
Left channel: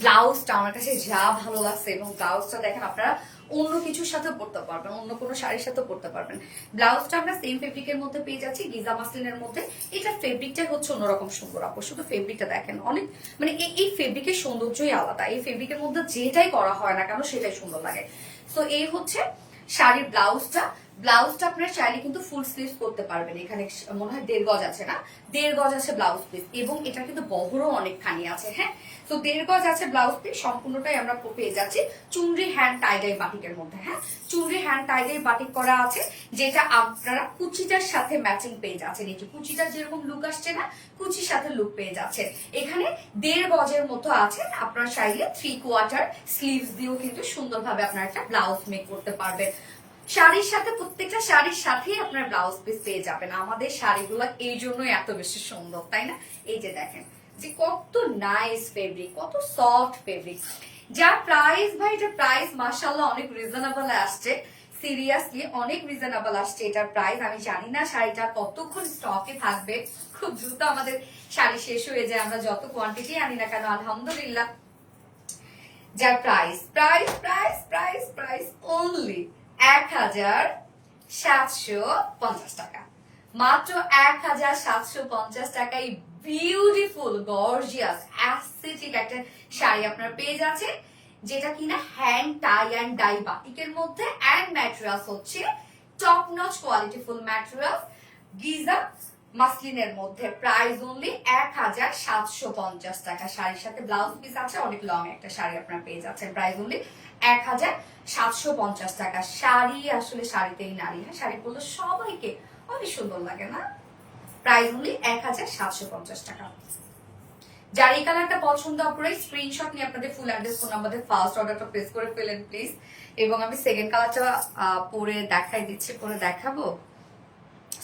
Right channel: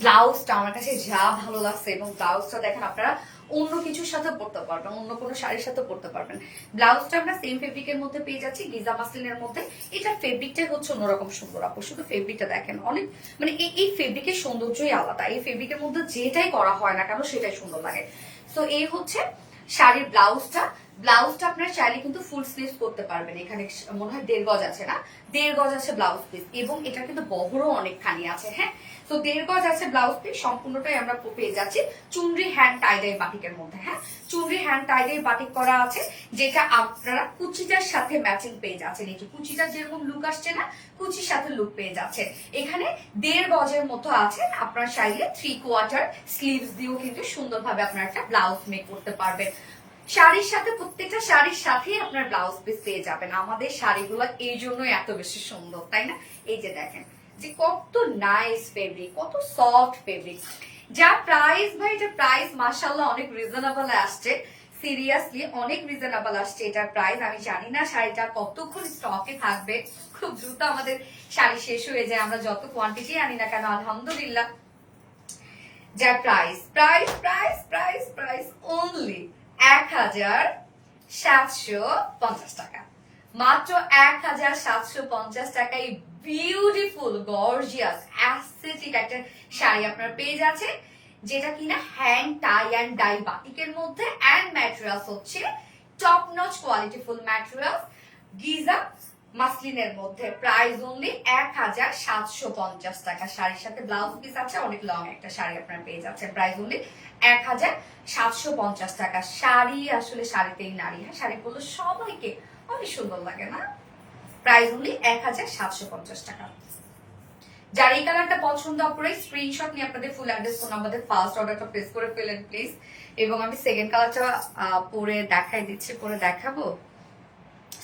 ব্লাউজটা আমার কাছে যা ভালো লাগছে, এবং ব্লাউজটা দেখেন আপনারা অন্য কিছুর সাথে পড়তে পারবেন, অন্য কোনো শাড়ির সাথে পড়তে পারবেন। ব্লাউজটা আমরা সেম ফেব্রিকের মধ্যে পেয়ে যাচ্ছি, গিজা মাসলিনের মধ্যে। এটা ফেব্রিকটাই হচ্ছে অন্যরকম সুন্দর। আপু শুধু ফেব্রিকটা দেখেন, অনেক মানে এই ফেব্রিকের সৌন্দর্যই আলাদা। এই ফেব্রিকের মধ্যে যেটাই করা হয় না কেন সেটাই সুন্দর লাগে। তো এই হচ্ছে শাড়ির ব্লাউজটা। ব্লাউজটা আপনারা চাইলে কিন্তু ফুল স্লিভ করতে পারবেন। এখানে মনে হয় 1.5 গজ আছে না, 1.5 গজ আছে ব্লাউজ পিস, এবং এটা কিন্তু বহরও অনেকখানি আছে। হ্যাঁ তো 1.5 গজ আছে ব্লাউজ পিস, সম্পূর্ণটাই আমরা পেয়ে যাচ্ছি চুনরি হ্যান্ড টাইডাই বাটিকের মধ্যে। হ্যাঁ চুনরি হ্যান্ড টাইডাই বাটিক করা আছে, যেটা আপনারা কুচিটার সাথে ম্যাচিং পেয়ে যাচ্ছেন। এই যে কুচিটা যেরকম লুক আসছে না, কুচির সাথে লুক পেয়ে যাচ্ছে। এখানে 1.5 গজের মতো আছে, আপনারা চাইলে 3/4 স্লিভস দিয়েও কিন্তু সুন্দরভাবে আপনারা একটা ব্লাউজ মেক করতে পারবেন। শাড়ির সাথে প্রত্যেকটা শাড়ির সাথেই আপনার ব্লাউজ পিস পেয়ে যাবেন। আমাদের শাড়িগুলো এই জন্যই এত বেশি সুন্দর, তাই না? এই যে দেখেন যে কত নাইস ফেব্রিক, কত সফট ফেব্রিক। যা প্রাইস ভাই, এটা প্রাইস মাশাআল্লাহ অনেক রিজনেবল আসছে, সিরিয়াসলি অনেক রিজনেবল আসছে এটার প্রাইস। আমি জানি না শাড়িটা কতক্ষণ স্টকে থাকবে, খুব দ্রুত আমাদের শাড়ি শেষ হয়ে যায় আমরা যত কোয়ান্টিটি আনি না কেন। আলহামদুলিল্লাহ যার price price price price price only 1750 টাকা, মাত্র 1750 টাকায় বিউটিফুল গর্জিয়াস অ্যাস্থেটিক একটা শাড়ি আপনারা পেয়ে যাচ্ছেন, যেটা কিনা হ্যান্ড টাই অ্যান্ড ডাই বাটিকের মধ্যে, অ্যান্ড ম্যাটেরিয়ালস হচ্ছে টপ নচ কোয়ালিটিফুল ম্যাটেরিয়ালস গিজা মাসলিনের মধ্যে। প্রাইস অনলি 1750 টাকা। শাড়ির সাথে ব্লাউজ পিস আছে, অনেক লং একটা শাড়ি আপনারা পেয়ে যাচ্ছেন। প্রাইস অনলি 1750 টাকা। শাড়ি আসলে শাড়িতেই নারী, হ্যাঁ শাড়ি পরলে সবাইকে অনেক সুন্দর লাগে না? প্রাইস অনলি 1750 টাকা। যার এই কালারটা পছন্দ করে স্ক্রিনশট নিয়ে আপনাদের ফুল অ্যাড্রেস ফোন নাম্বার দিয়ে ফার্স্ট অর্ডারটা প্লেস করে ফেলেন প্লিজ। এবং আমি সেকেন্ড কালারটা পরে দেখাই দিচ্ছি, পরে দেখাবো।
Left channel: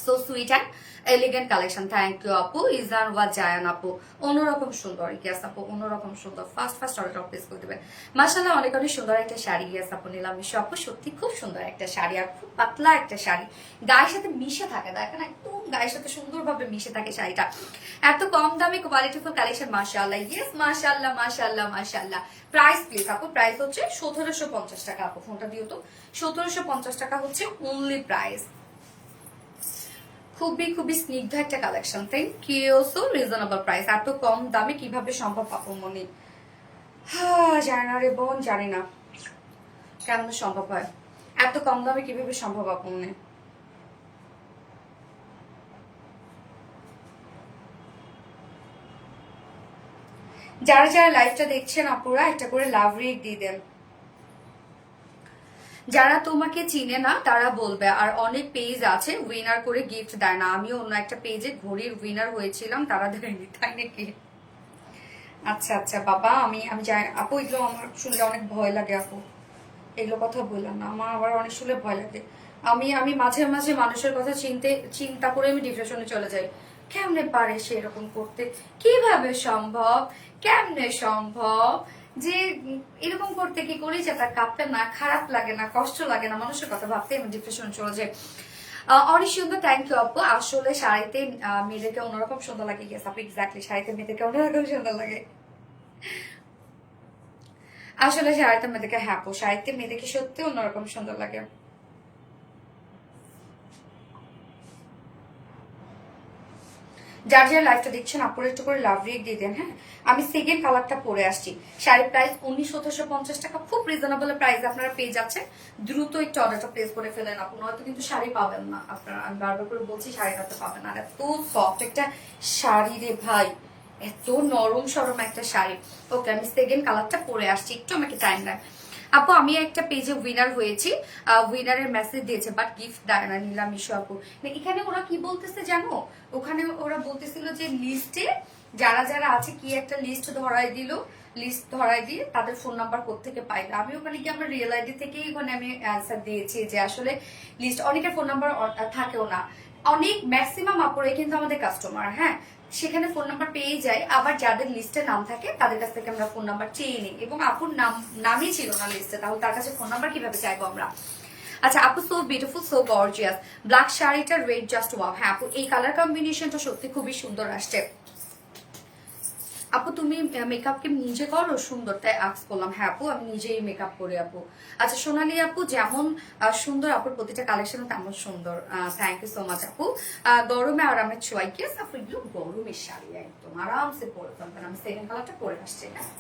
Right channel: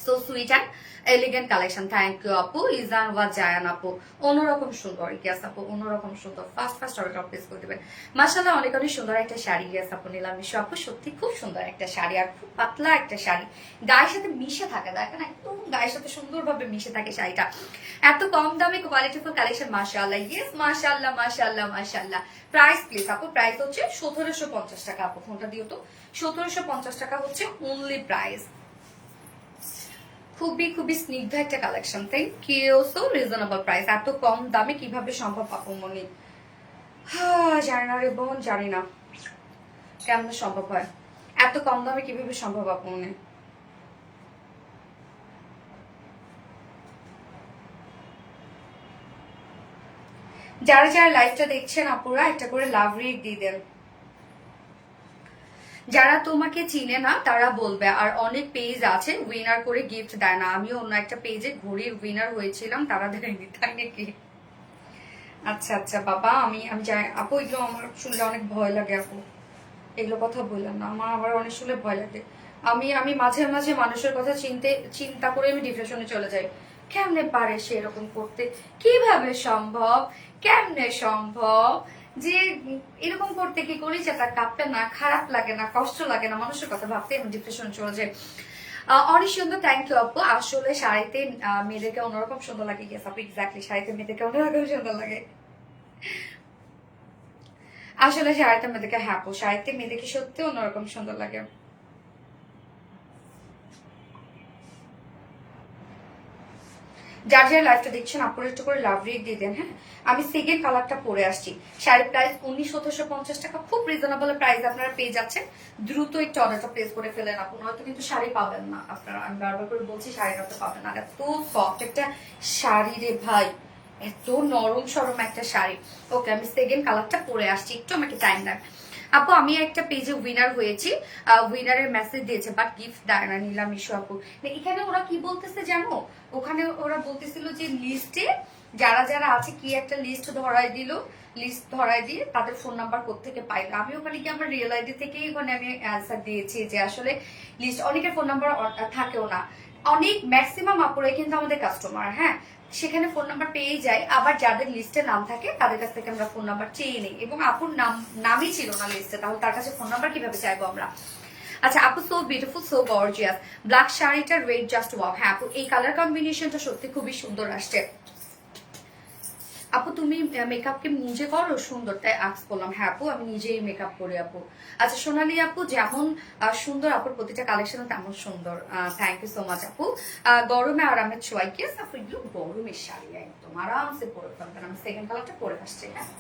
So sweet and elegant collection. Thank you আপু। ইজান ওয়া জায়ান আপু অন্যরকম সুন্দর, ইয়াস আপু অন্যরকম সুন্দর। ফার্স্ট অর্ডার প্লেস করে দেবেন। মাশাআল্লাহ অনেক অনেক সুন্দর একটা শাড়ি, ইয়াস আপু নিলাম আপু, সত্যি খুব সুন্দর একটা শাড়ি, আর খুব পাতলা একটা শাড়ি, গায়ের সাথে মিশে থাকে, দেখেন একদম গায়ের সাথে সুন্দরভাবে মিশে থাকে শাড়িটা। এত কম দামে কোয়ালিটিফুল কালেকশন, মাশাআল্লাহ, ইয়েস মাশাআল্লাহ মাশাআল্লাহ মাশাআল্লাহ। প্রাইস প্লিজ আপু, প্রাইস হচ্ছে 1750 টাকা। আপু ফোনটা দিও তো, 1750 টাকা হচ্ছে অনলি প্রাইস। খুবই খুবই স্নিগ্ধ একটা কালেকশন। Thank you, so reasonable price. এত কম দামে কিভাবে সম্ভব আপু মনি? জানি না রে বোন, জানি না কেমন সম্ভব হয়, এত কম দামে কিভাবে সম্ভব আপু মনি? যারা যারা লাইভটা দেখছেন আপুরা একটা করে লাভ রেট দিয়ে দেন। যারা তোমাকে চিনে না তারা বলবে। আর অনেক পেজ আছে উইনার করে গিফট দেয় না। আমিও অন্য একটা পেজে ঘড়ির উইনার হয়েছিলাম, তারা দেয়নি, তাই নাকি? আচ্ছা আচ্ছা বাবা, আমি আমি যাই আপু, এগুলো আমার শুনলে অনেক ভয় লাগে আপু, এগুলো কথা বললাম না, আমার আবার অনেক শুনলে ভয় লাগে। আমি আমি মাঝে মাঝে মানুষের কথা চিন্তা করে আমি ডিপ্রেশনে চলে যাই। কেমনে পারে সে এরকম করতে? কিভাবে সম্ভব? কেমনে সম্ভব যে এরকম করতে? কি করি যে তার কাঁপতে না, খারাপ লাগে না, কষ্ট লাগে না, মানুষের কথা ভাবতে আমি ডিপ্রেশনে চলে যাই। অনেক সুন্দর, থ্যাংক ইউ আপু। আসলে শাড়িতে মেয়েদেরকে অন্যরকম সুন্দর লাগে। ইয়েস আপু এক্স্যাক্টলি, শাড়িতে মেয়েদেরকে অন্যরকম সুন্দর লাগে। আসলে শাড়িতে মেয়েদেরকে, হ্যাঁ আপু শাড়িতে মেয়েদেরকে সত্যি অন্যরকম সুন্দর লাগে। যার যার লাইভটা দেখছেন আপুর একটু করে লাভ রেট দিয়ে দেন। হ্যাঁ আমি সেকেন্ড কালারটা পরে আসছি। শাড়ির প্রাইস 1750 টাকা, খুব রিজনেবল প্রাইস আপনারা পেয়ে যাচ্ছেন। দ্রুত একটু অর্ডারটা প্লেস করে ফেলেন আপু, নয়তো কিন্তু শাড়ি পাবেন না আপনারা। আমি বারবার করে বলছি শাড়িটা তো পাবেন না। এত সফট একটা শাড়ি রে ভাই, এত নরম সরম একটা শাড়ি। ওকে আমি সেকেন্ড কালারটা পরে আসছি, একটু আমাকে টাইম দেন। আপু আমি একটা পেজে উইনার হয়েছি, উইনারের মেসেজ দিয়েছে বাট গিফট দেয় না নিলাম ইস্যু আপু। এখানে ওরা কি বলতেছে জানো, ওখানে ওরা বলতেছিল যে লিস্টে যারা যারা আছে কি একটা লিস্ট ধরাই দিল, লিস্ট ধরাই দিয়ে তাদের ফোন নাম্বার কোত্থেকে পাইলো। আমি ওখানে কি আমার রিয়েল আইডি থেকেই ওখানে আমি অ্যান্সার দিয়েছি যে আসলে লিস্ট অনেকের ফোন নাম্বার থাকেও না, অনেক ম্যাক্সিমাম আপুরে কিন্তু আমাদের কাস্টমার, হ্যাঁ সেখানে ফোন নাম্বার পেয়েই যায়, আবার যাদের লিস্টে নাম থাকে তাদের কাছ থেকে আমরা ফোন নাম্বার চেয়ে নিই, এবং আপুর নামই ছিল না লিস্টে, তাহলে তার কাছে ফোন নাম্বার কিভাবে চাইবো আমরা। আচ্ছা আপু so beautiful so gorgeous, black শাড়িটা রেড জাস্ট ওয়াও। হ্যাঁ আপু এই কালার কম্বিনেশনটা সত্যি খুবই সুন্দর আসছে। আপু তুমি মেকআপ কি নিজে করো? সুন্দর তাই আক্স করলাম। হ্যাঁ আপু আমি নিজেই মেকআপ করি আপু। আচ্ছা সোনালি আপু যেমন সুন্দর আপুর প্রতিটা কালেকশন তেমন সুন্দর, থ্যাংক ইউ সো মাচ আপু। গরমে আরামের ছোঁয়াই কি আপু, এগুলো গরমের শাড়ি একদম আরামসে পরে ফেলবেন। আমি সেকেন্ড কালারটা পরে আসছি। হ্যাঁ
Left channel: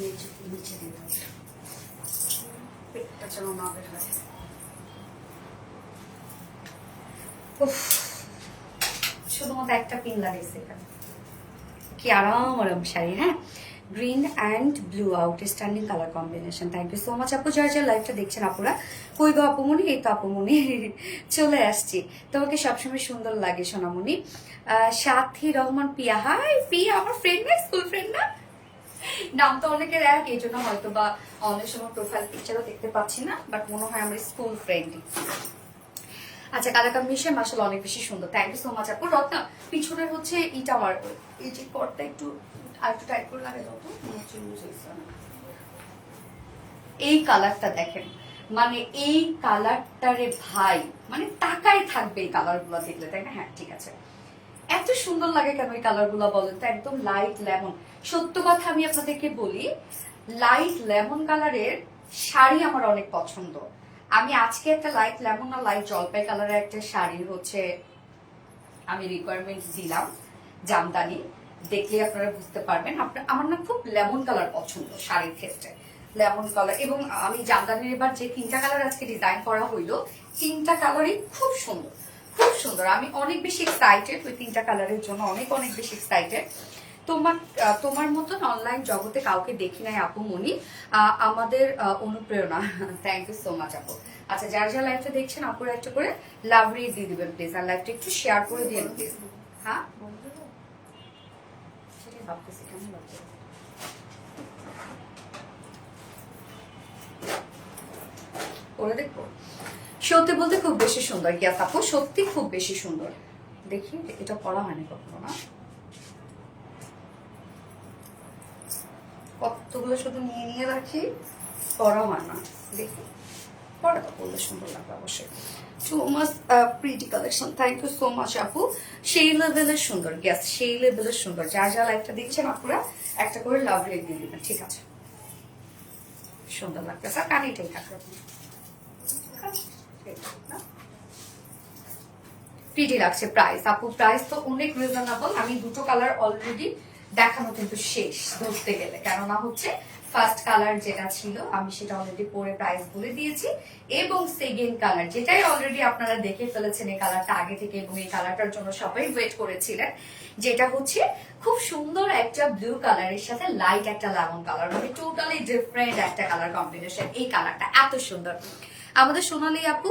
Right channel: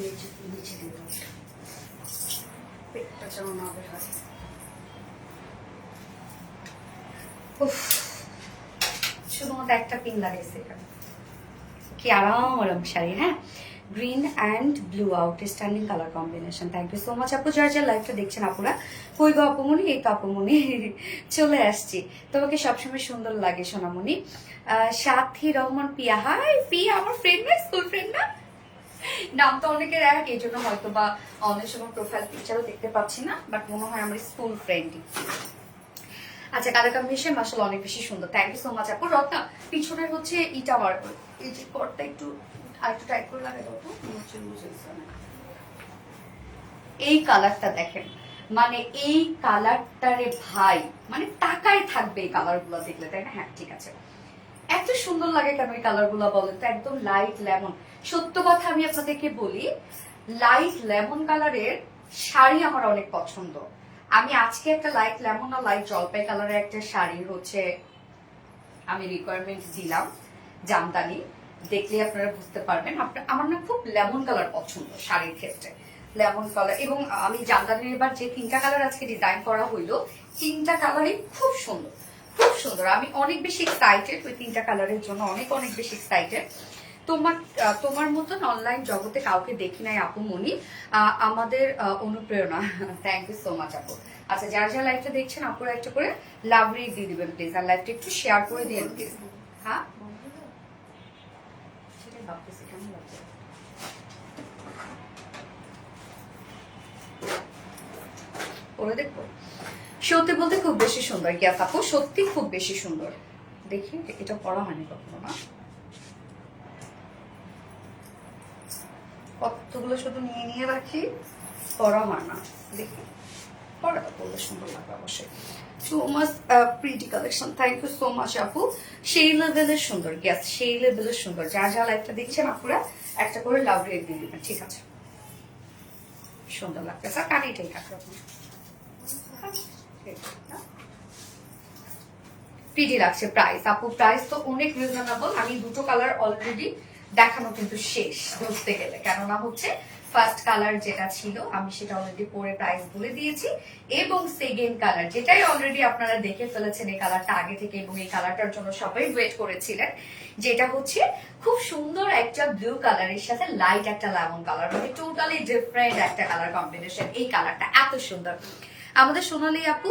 নিচে নিচে দিতে হবে, পেটটা যেন না বের হয়। শুধুমাত্র একটা পিন লাগাইছে এখানে। কি আরাম আরাম শাড়ি, হ্যাঁ, green and blue outstanding colour combination. Thank you so much আপু। যারা যারা লাইভটা দেখছেন আপুরা, কই গো আপুমনি? এই তো আপুমনি চলে আসছি। তোমাকে সবসময় সুন্দর লাগে সোনামণি। সাথী রহমান পিয়া, হাই পিয়া, আমার ফ্রেন্ড না, স্কুল ফ্রেন্ড না? নাম তো অনেকের এক, এই জন্য হয়তো বা অনেক সময় প্রোফাইল পিকচারও দেখতে পাচ্ছি না, বাট মনে হয় আমার স্কুল ফ্রেন্ড। আচ্ছা, কালার কম্বিনেশন মাশাআল্লাহ অনেক বেশি সুন্দর। থ্যাংক ইউ সো মাচ আপু। রত্না পিছনের হচ্ছে ইটা আমার এই যে কটটা একটু আর একটু টাইট করে লাগাই দাও তো, এই কালারটা দেখেন, মানে এই কালারটারে ভাই মানে তাকায় থাকবে এই কালার গুলো দেখলে, তাই না? হ্যাঁ ঠিক আছে, এত সুন্দর লাগে কেন এই কালার গুলো বলেন তো? একদম লাইট লেমন। সত্য কথা আমি আপনাদেরকে বলি, লাইট লেমন কালারের শাড়ি আমার অনেক পছন্দ। আমি আজকে একটা লাইট লেমন আর লাইট জলপাই কালারের একটা শাড়ি হচ্ছে আমি রিকোয়ারমেন্ট দিলাম, জামদানি, দেখলে আপনারা বুঝতে পারবেন। আমার না খুব লেমন কালার পছন্দ শাড়ির ক্ষেত্রে, লেমন কালার। এবং আমি জামদানির এবার যে 3টা কালার আজকে ডিজাইন করা হইলো, 3টা কালারই খুব সুন্দর, খুব সুন্দর। আমি অনেক বেশি এক্সাইটেড ওই 3টা কালারের জন্য, অনেক অনেক বেশি এক্সাইটেড। তোমার মতন অনলাইন জগতে কাউকে দেখি নাই আপু মনি, আমাদের অনুপ্রেরণা। থ্যাংক ইউ সো মাচ আপু। আচ্ছা, যারা যারা লাইভটা দেখছেন আপুরা একটা করে লাভ রেট দিয়ে দিবেন প্লিজ, আর লাইভটা একটু শেয়ার করে দিবেন প্লিজ। হ্যাঁ সেটাই ভাবতেছি, কেমন লাগছে ওরা দেখবো। সত্যি বলতে খুব বেশি সুন্দর গ্যাস আপু, সত্যি খুব বেশি সুন্দর। দেখি এটা পড়া হয়নি কখনো না, কতগুলো শুধু নিয়ে নিয়ে রাখি, পড়া হয় না। দেখি পড়াটা পড়লে সুন্দর লাগবে অবশ্যই। So much pretty collection, thank you so much আপু। সেই লেভেলের সুন্দর গ্যাস, সেই লেভেলের সুন্দর। যার যা লাইফটা দেখছেন আপুরা একটা করে লাভ রেট দিয়ে দিবেন, ঠিক আছে? সুন্দর লাগতেছে, আর কানেটাই থাকবে প্রিটি লাগছে। প্রাইস আপু, প্রাইস তো অনেক রিজনেবল। আমি দুটো কালার অলরেডি দেখানো কিন্তু শেষ ধরতে গেলে, কেননা হচ্ছে ফার্স্ট কালার যেটা ছিল আমি সেটা অলরেডি পরে প্রাইস বলে দিয়েছি, এবং সেকেন্ড কালার যেটাই অলরেডি আপনারা দেখে ফেলেছেন এই কালারটা আগে থেকে, এবং এই কালারটার জন্য সবাই ওয়েট করেছিলেন, যেটা হচ্ছে খুব সুন্দর একটা ব্লু কালারের সাথে লাইট একটা লেমন কালার, মানে টোটালি ডিফারেন্ট একটা কালার কম্বিনেশন। এই কালারটা এত সুন্দর। আমাদের সোনালী আপু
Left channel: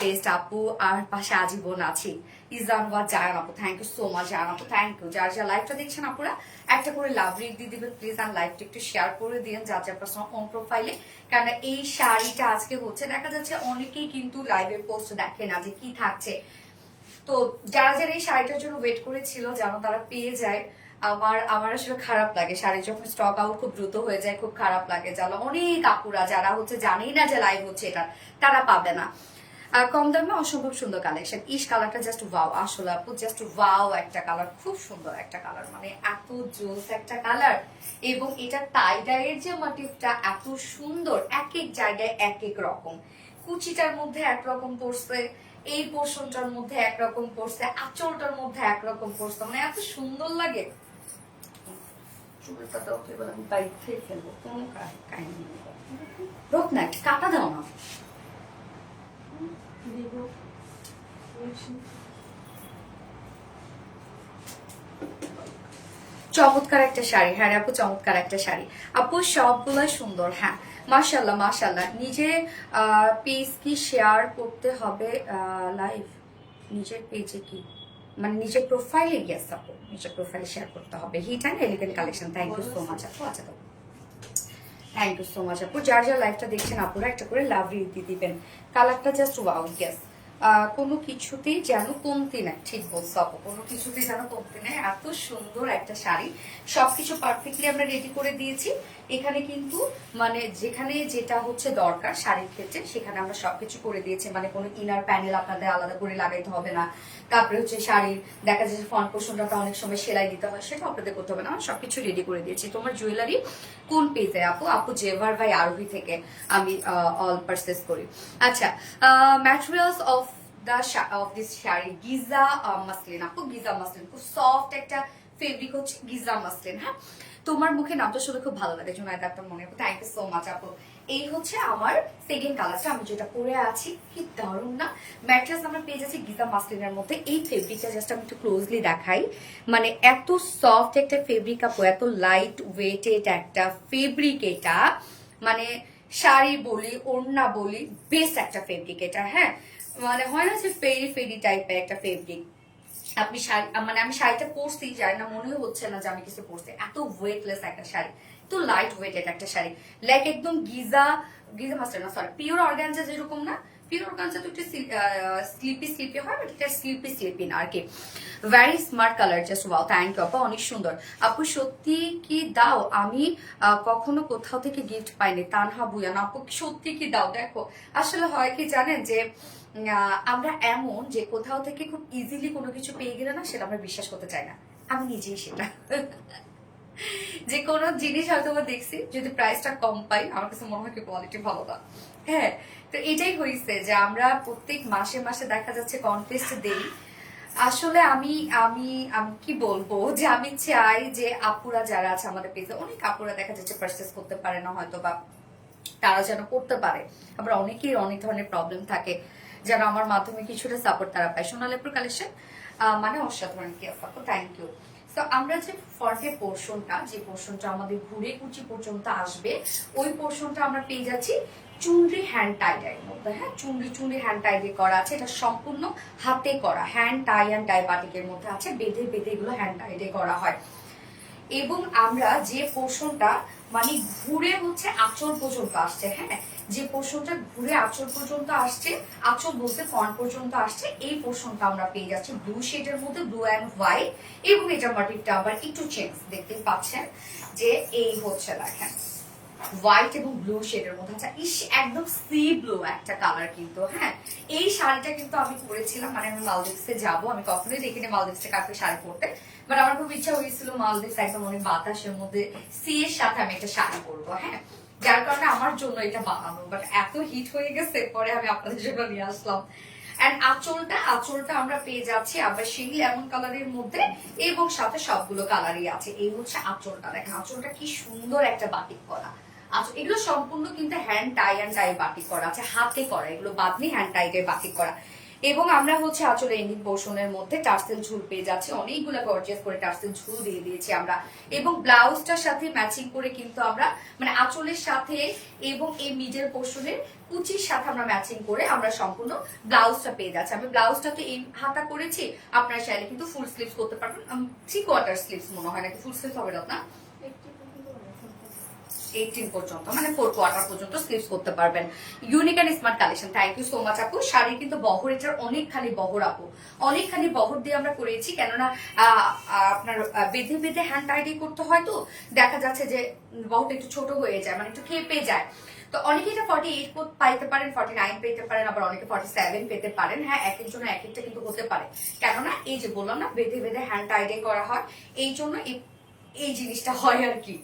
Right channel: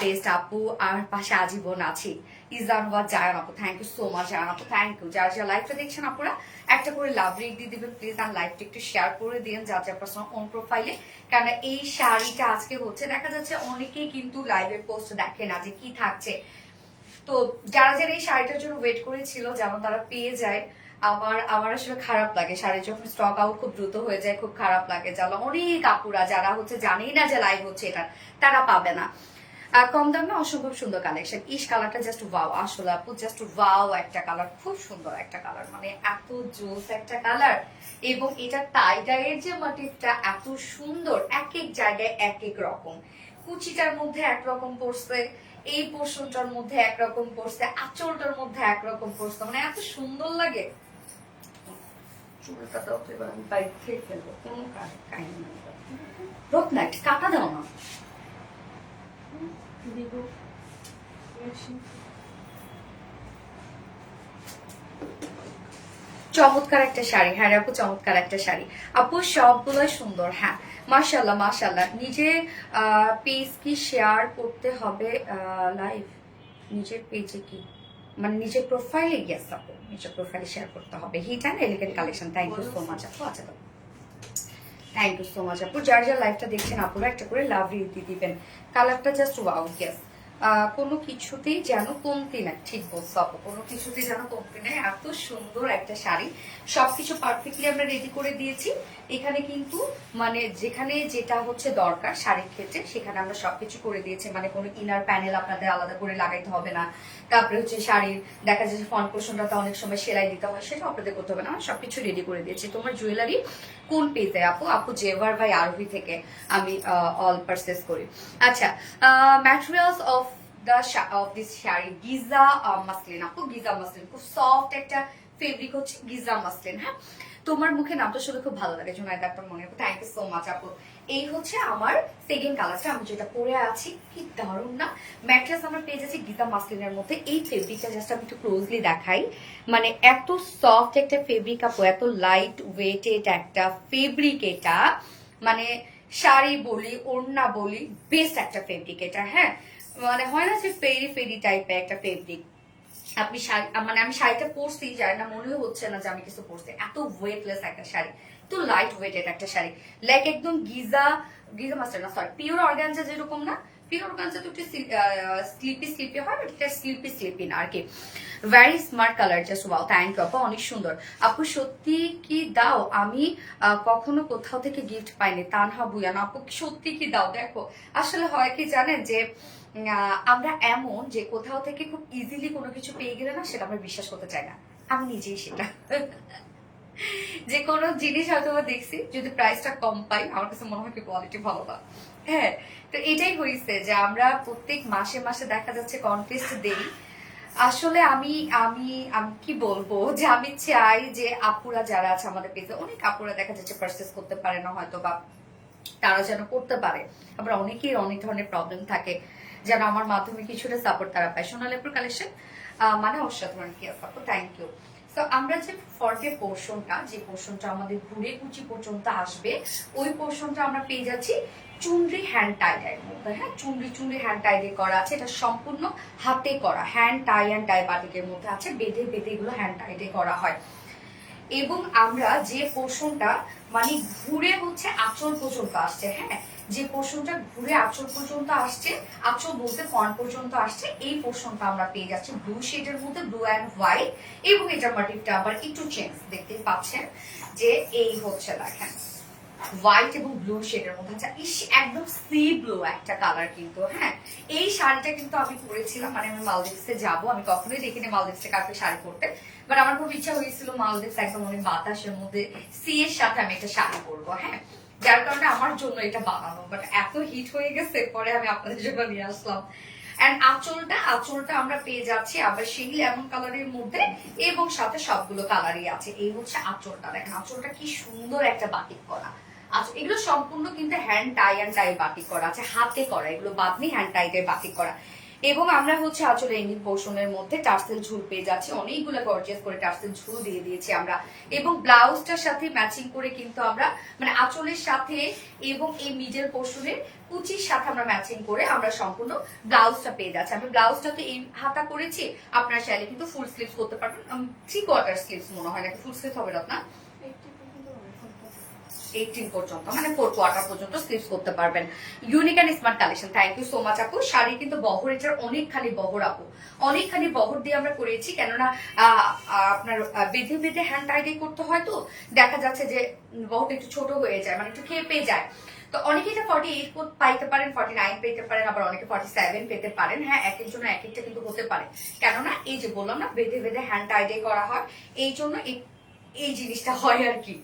বেস্ট আপু, আর পাশে আজীবন আছি ইজানওয়াজ জায়ান আপু, thank you so much Zayan আপু, থ্যাংক ইউ। যারা যারা লাইভটা দেখছেন আপুরা একটা করে লাভ রেট দিয়ে দিবেন প্লিজ, আর লাইভটা একটু শেয়ার করে দিন যার যার পার্সোনাল অন প্রোফাইলে। কারণ এই শাড়িটা আজকে হচ্ছে দেখা যাচ্ছে অনেকেই কিন্তু লাইভের পোস্ট দেখে না যে কি থাকছে, তো যারা যারা এই শাড়িটার জন্য ওয়েট করেছিল যেন তারা পেয়ে যায়। আমার আসলে খারাপ লাগে শাড়ি যখন স্টক আউট খুব দ্রুত হয়ে যায়, খুব খারাপ লাগে। যারা অনেক আপুরা যারা হচ্ছে জানেই না যে লাইভ হচ্ছে এটা, তারা পাবে না। আর কম দামে অসম্ভব সুন্দর কালেকশন। ইস কালারটা জাস্ট ওয়াও, আসলে আপু জাস্ট ওয়াও একটা কালার, খুব সুন্দর একটা কালার, মানে এত জোস একটা কালার। এবং এটা টাই ডাইয়ের যে মোটিভটা এত সুন্দর, এক এক জায়গায় এক এক রকম, কুচিটার মধ্যে একরকম পড়ছে, এই পোর্শনটার মধ্যে একরকম পড়ছে, আঁচলটার মধ্যে একরকম পড়ছে, মানে এত সুন্দর লাগে। চুলটা তো এবার আমি বাইক খেয়ে ফেলবো, কোনো কাহিনী নেই। রত্না কাটা দাও না, চমৎকার একটা শাড়ি। হ্যাঁ আপু, চমৎকার একটা শাড়ি আপু, সবগুলোই সুন্দর। হ্যাঁ মাশাল্লাহ মাশাল্লাহ। নিজে পেজ কি শেয়ার করতে হবে লাইভ? নিজের পেজে কি মানে নিজের প্রোফাইলে? গেস আপু, নিজের প্রোফাইলে শেয়ার করতে হবে। Hit and elegant collection, thank you so much আপু। আচ্ছা তো থ্যাংক ইউ সো মাচ আপু। যার যার লাইভটা দেখছেন আপুরা একটা করে লাভ রিট দিয়ে দিবেন। কালারটা জাস্ট ওয়াও গেস, কোনো কিছুতেই যেন কমতি নাই। ঠিক বলছো আপু, কোনো কিছুতেই যেন কমতি নাই। এত সুন্দর একটা শাড়ি, সবকিছু পারফেক্টলি আমরা রেডি করে দিয়েছি। এখানে কিন্তু মানে যেখানে যেটা হচ্ছে দরকার শাড়ির ক্ষেত্রে সেখানে আমরা সবকিছু করে দিয়েছি, মানে কোনো ইনার প্যানেল আপনাদের আলাদা করে লাগাইতে হবে না। তারপরে হচ্ছে শাড়ির দেখা যাচ্ছে ফ্রন্ট পোর্শনটা অনেক সময় সেলাই দিতে হয়, সেটা আপনাদের করতে হবে না, আমরা সবকিছু রেডি করে দিয়েছি। তোমার জুয়েলারি কোন পেজে আপু? আপু জেভার বাই আরভি থেকে আমি অল পারচেস করি। আচ্ছা, materials of this sari Giza muslin আপু, গিজা মাসলিন খুব সফট একটা ফেব্রিক হচ্ছে গিজা মাসলিন। হ্যাঁ, তোমার মুখে নামটা শুনে খুব ভালো লাগে জুনাইদা আক্তার মনে। থ্যাংক ইউ সো মাচ আপু। এই হচ্ছে আমার সেকেন্ড কালারটা, আমি যেটা পরে আছি। কি দারুণ না! ম্যাট্রেস আমরা পেয়ে যাচ্ছি গিজা মাসলিনের মধ্যে। এই ফেব্রিকটা জাস্ট আমি একটু ক্লোজলি দেখাই, মানে এত সফট একটা ফেব্রিক আপু, এত লাইট ওয়েটেড একটা ফেব্রিক এটা, মানে শাড়ি বলি ওড়না বলি বেস্ট একটা ফেব্রিক এটা। হ্যাঁ, মানে হয় না যে ফেরি ফেরি টাইপের একটা ফেব্রিক। আপনি শাড়ি, মানে আমি শাড়িটা পরছি জানি না, মনে হচ্ছে না যে আমি কিছু পরছি, এত ওয়েটলেস একটা শাড়ি, তো লাইট ওয়েটেড একটা শাড়ি, লাইক একদম গিজা গিজা মাস্টার না, সরি পিওর অর্গানজা যেরকম না, পিওর অর্গানজা তো একটু স্লিপি স্লিপি হয়, বাট এটা স্লিপি স্লিপি না আর কি। Very smart colour, just wow. Thank you আপু, অনেক সুন্দর। আপু সত্যি কি দাও? আমি কখনো কোথাও থেকে গিফট পাইনি। তানহা বুয়ান আপু সত্যি কি দাও? দেখো আসলে হয় কি জানেন যে আমরা এমন যে কোথাও থেকে খুব ইজিলি কোনো কিছু পেয়ে গেলে না, সেটা আমরা বিশ্বাস করতে চাই না। আমি নিজেই সেটা যে কোনো জিনিস হয়তো দেখছি, যদি প্রাইসটা কম পাই আমার কাছে মনে হয় কি কোয়ালিটি ভালো না। হ্যাঁ, তো এটাই হয়েছে যে আমরা প্রত্যেক মাসে মাসে দেখা যাচ্ছে কন্টেস্ট দেই। আসলে আমি আমি আমি কি বলবো, যে আমি চাই যে আপুরা যারা আছে আমাদের পেজে, অনেক আপুরা দেখা যাচ্ছে পারচেস করতে পারে না হয়তো, বা তারা যেন করতে পারে। আবার অনেকেই অনেক ধরনের প্রবলেম থাকে, যেন আমার মাধ্যমে কিছুটা সাপোর্ট তারা পায়। সোনালীপুর কালেকশন মানে অসাধারণ কি আপু, থ্যাংক ইউ। তো আমরা যে ফর্টের পোর্শনটা, যে পোর্শনটা আমাদের ঘুরে কুচি পর্যন্ত আসবে, ওই পোর্শনটা আমরা পেয়ে যাচ্ছি চুনরি হ্যান্ড টাইডের মধ্যে। হ্যাঁ, চুনরি চুনরি হ্যান্ড টাইডে করা আছে, এটা সম্পূর্ণ হাতে করা, হ্যান্ড টাই অ্যান্ড টাই বাটিকের মধ্যে আছে, বেঁধে বেঁধে এগুলো হ্যান্ড টাইডে করা হয়। এবং আমরা যে পোর্শনটা মানে ঘুরে হচ্ছে আঁচল পর্যন্ত আসছে, হ্যাঁ, যে পোর্শনটা ঘুরে আঁচল পর্যন্ত আসছে, আঁচল বলতে কন পর্যন্ত আসছে, এই পোর্শনটা আমরা পেয়ে যাচ্ছি ব্লু শেডের মধ্যে, ব্লু অ্যান্ড হোয়াইট। এবং এটার মাটিটা আবার একটু চেঞ্জ, দেখতে পাচ্ছেন যে এই হচ্ছে দেখেন হোয়াইট এবং ব্লু শেডের মধ্যে। আচ্ছা, ইস একদম সি ব্লু একটা কালার কিন্তু। হ্যাঁ, এই শাড়িটা কিন্তু আমি পরেছিলাম, মানে আমি মালদ্বীপসে যাবো, আমি কখনোই দেখিনি মালদ্বীপসে কাউকে শাড়ি পরতে, বাট আমার খুব ইচ্ছা হয়েছিল মালদ্বীপস একদম অনেক বাতাসের মধ্যে সি এর সাথে আমি একটা শাড়ি পরবো। হ্যাঁ, যার কারণে আমার জন্য এটা বানানো, বাট এত হিট হয়ে গেছে পরে আমি আপনাদের জন্য নিয়ে আসলাম। এন্ড আঁচলটা আমরা পেয়ে যাচ্ছি আবার সেই লেমন কালারের মধ্যে, এবং সাথে সবগুলো কালারই আছে। এই হচ্ছে আঁচলটা, দেখেন আঁচলটা কি সুন্দর একটা বাটিক করা। আচ্ছা, এগুলো সম্পূর্ণ কিন্তু hand tie and tie batik করা আছে, হাতে করা, এগুলো বাদনি হ্যান্ড টাইটের বাটিক করা। এবং আমরা হচ্ছে আঁচলে ইঙ্গিত পোর্শনের মধ্যে টার্সেল ঝুল পেয়ে যাচ্ছে, অনেকগুলো গর্জিয়াস করে টার্সেল ঝুল দিয়ে দিয়েছি আমরা। এবং ব্লাউজটার সাথে ম্যাচিং করে কিন্তু আমরা মানে আঁচলের সাথে এবং এই মিডল পোর্শনের কুচির সাথে আমরা ম্যাচিং করে আমরা সম্পূর্ণ ব্লাউজটা পেয়ে যাচ্ছি। আমি ব্লাউজটা তো এই হাতা করেছি, আপনারা চাইলে কিন্তু ফুল স্লিভস করতে পারবেন। 3/4 স্লিভস মনে হয়, নাকি ফুল স্লিভ হবে না? 18 পর্যন্ত, মানে 4/4 পর্যন্ত স্লিভস করতে পারবেন। Unique and smart collection, thank you so much আপু। শাড়ি কিন্তু বহর, এটার অনেকখানি বহর আপু, অনেকখানি বহর দিয়ে আমরা করেছি, কেননা আপনার বেঁধে বেঁধে হ্যান্ড টাইডে করতে হয়, তো দেখা যাচ্ছে যে বহরটা একটু ছোট হয়ে যায়, মানে একটু খেপে যায়। তো অনেকে এটা 48 পাইতে পারেন, 49 পেতে পারেন, আবার অনেকে 47 পেতে পারেন। হ্যাঁ, এক একজন এক একটা কিন্তু হতে পারে, কেননা এই যে বললাম না বেঁধে বেঁধে হ্যান্ড টাইডে করা হয়, এই জন্য এই জিনিসটা হয় আর কি,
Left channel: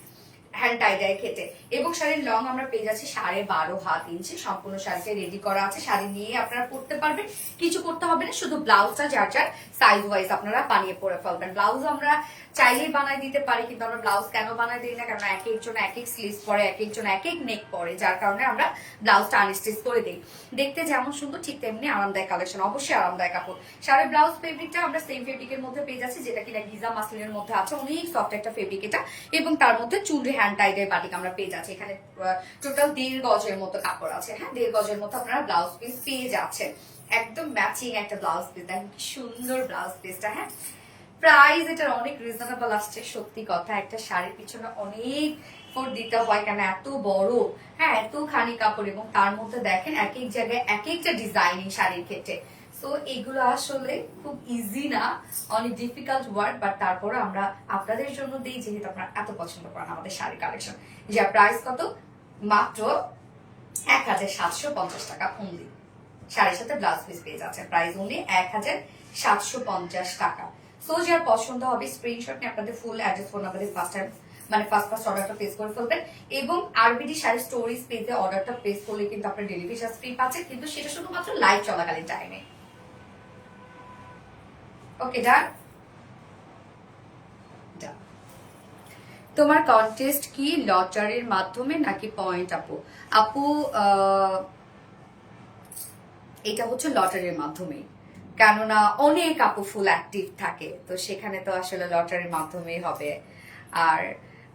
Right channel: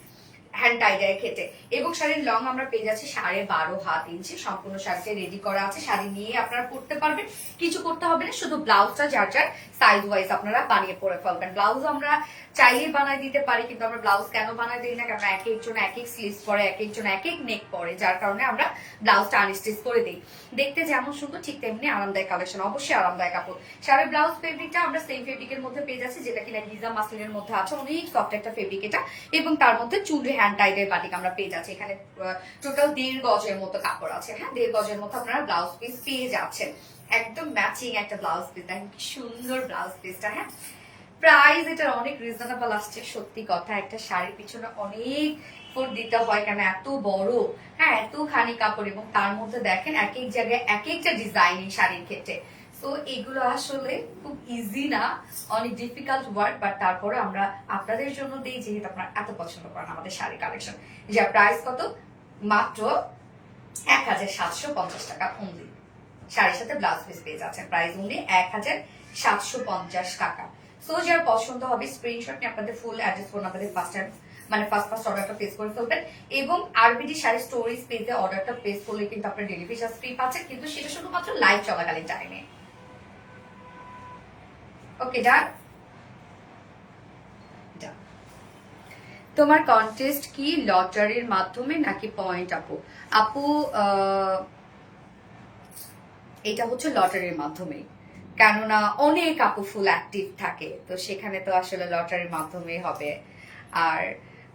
হ্যান্ড টাইডাই খেতে। এবং শাড়ির লং আমরা পেয়ে যাচ্ছি 12.5 ইঞ্চি, সম্পূর্ণ শাড়িটা রেডি করা আছে। শাড়ি নিয়ে আপনারা পড়তে পারবেন, কিছু করতে হবে না, শুধু ব্লাউজটা যার যার সাইজ ওয়াইজ আপনারা বানিয়ে পরে ফেলবেন। ব্লাউজ আমরা চাইলে বানাই দিতে পারি, কিন্তু আমরা ব্লাউজ কেন বানাই দিই না, কারণ এক একজন এক এক স্লিভস পরে, এক একজন এক এক নেক পরে, যার কারণে আমরা ব্লাউজটা আনস্টিচ করে দিই। দেখতে যেমন সুন্দর ঠিক তেমনি আরামদায়ক কালেকশন, অবশ্যই আরামদায়ক কাপড়। শাড়ির ব্লাউজ ফেব্রিকটা আমরা সেম ফেব্রিকের মধ্যে পেয়ে যাচ্ছি, যেটা কিনা গিজা মাসলিনের মধ্যে আছে, অনেক সফট একটা ফেব্রিক এটা। এবং তার মধ্যে চুনরি হ্যান্ড টাইডের বাটিক আমরা পেয়ে যাচ্ছি। এখানে টোটাল 1.5 গজের মতো কাপড় আছে। হ্যাঁ, 1.5 গজের মতো আপনারা ব্লাউজ পিস পেয়ে যাচ্ছেন, একদম ম্যাচিং একটা ব্লাউজ পিস। দেখেন কি সুন্দর ব্লাউজ পিসটা। হ্যাঁ, প্রাইস এটা অনেক রিজনেবল আসছে, সত্যি কথা। একটা শাড়ির পিছনে অনেক ফোর্ট দিতে হয়, কেন এত বড়, হ্যাঁ এতখানি কাপড়, এবং তার মধ্যে দেখেন এক এক জায়গায় এক একটা ডিজাইনিং শাড়ির ক্ষেত্রে। তো এগুলো আসলে খুব ইজি না, অনেক ডিফিকাল্ট ওয়ার্ক, বাট তারপরে আমরা আপনাদের জন্য দিই, যেহেতু আপনারা এত পছন্দ করেন আমাদের শাড়ি কালেকশন। যার প্রাইস কত? মাত্র 1750 টাকা অনলি। শাড়ির সাথে ব্লাউজ পিস পেয়ে যাচ্ছেন, প্রাইস অনলি 1750 টাকা। সো যার পছন্দ হবে স্ক্রিনশট নিয়ে আপনাদের full address, phone number first অর্ডারটা প্লেস করে ফেলবেন। এবং আরবিডি শাড়ি স্টোরিজ পেজে অর্ডারটা প্লেস করলে কিন্তু আপনার ডেলিভারি চার্জ ফ্রি পাচ্ছেন, কিন্তু সেটা শুধুমাত্র লাইভ চলাকালীন টাইমে। ওকে ডান। তোমার কন্টেস্ট কি লটারির মাধ্যমে নাকি পয়েন্ট? আপু আপু এটা হচ্ছে লটারির মাধ্যমে, কেননা অনেক আপু ফুল অ্যাক্টিভ থাকে, তো সেখানে তো আসলে লটারির মাধ্যমেই হবে। আর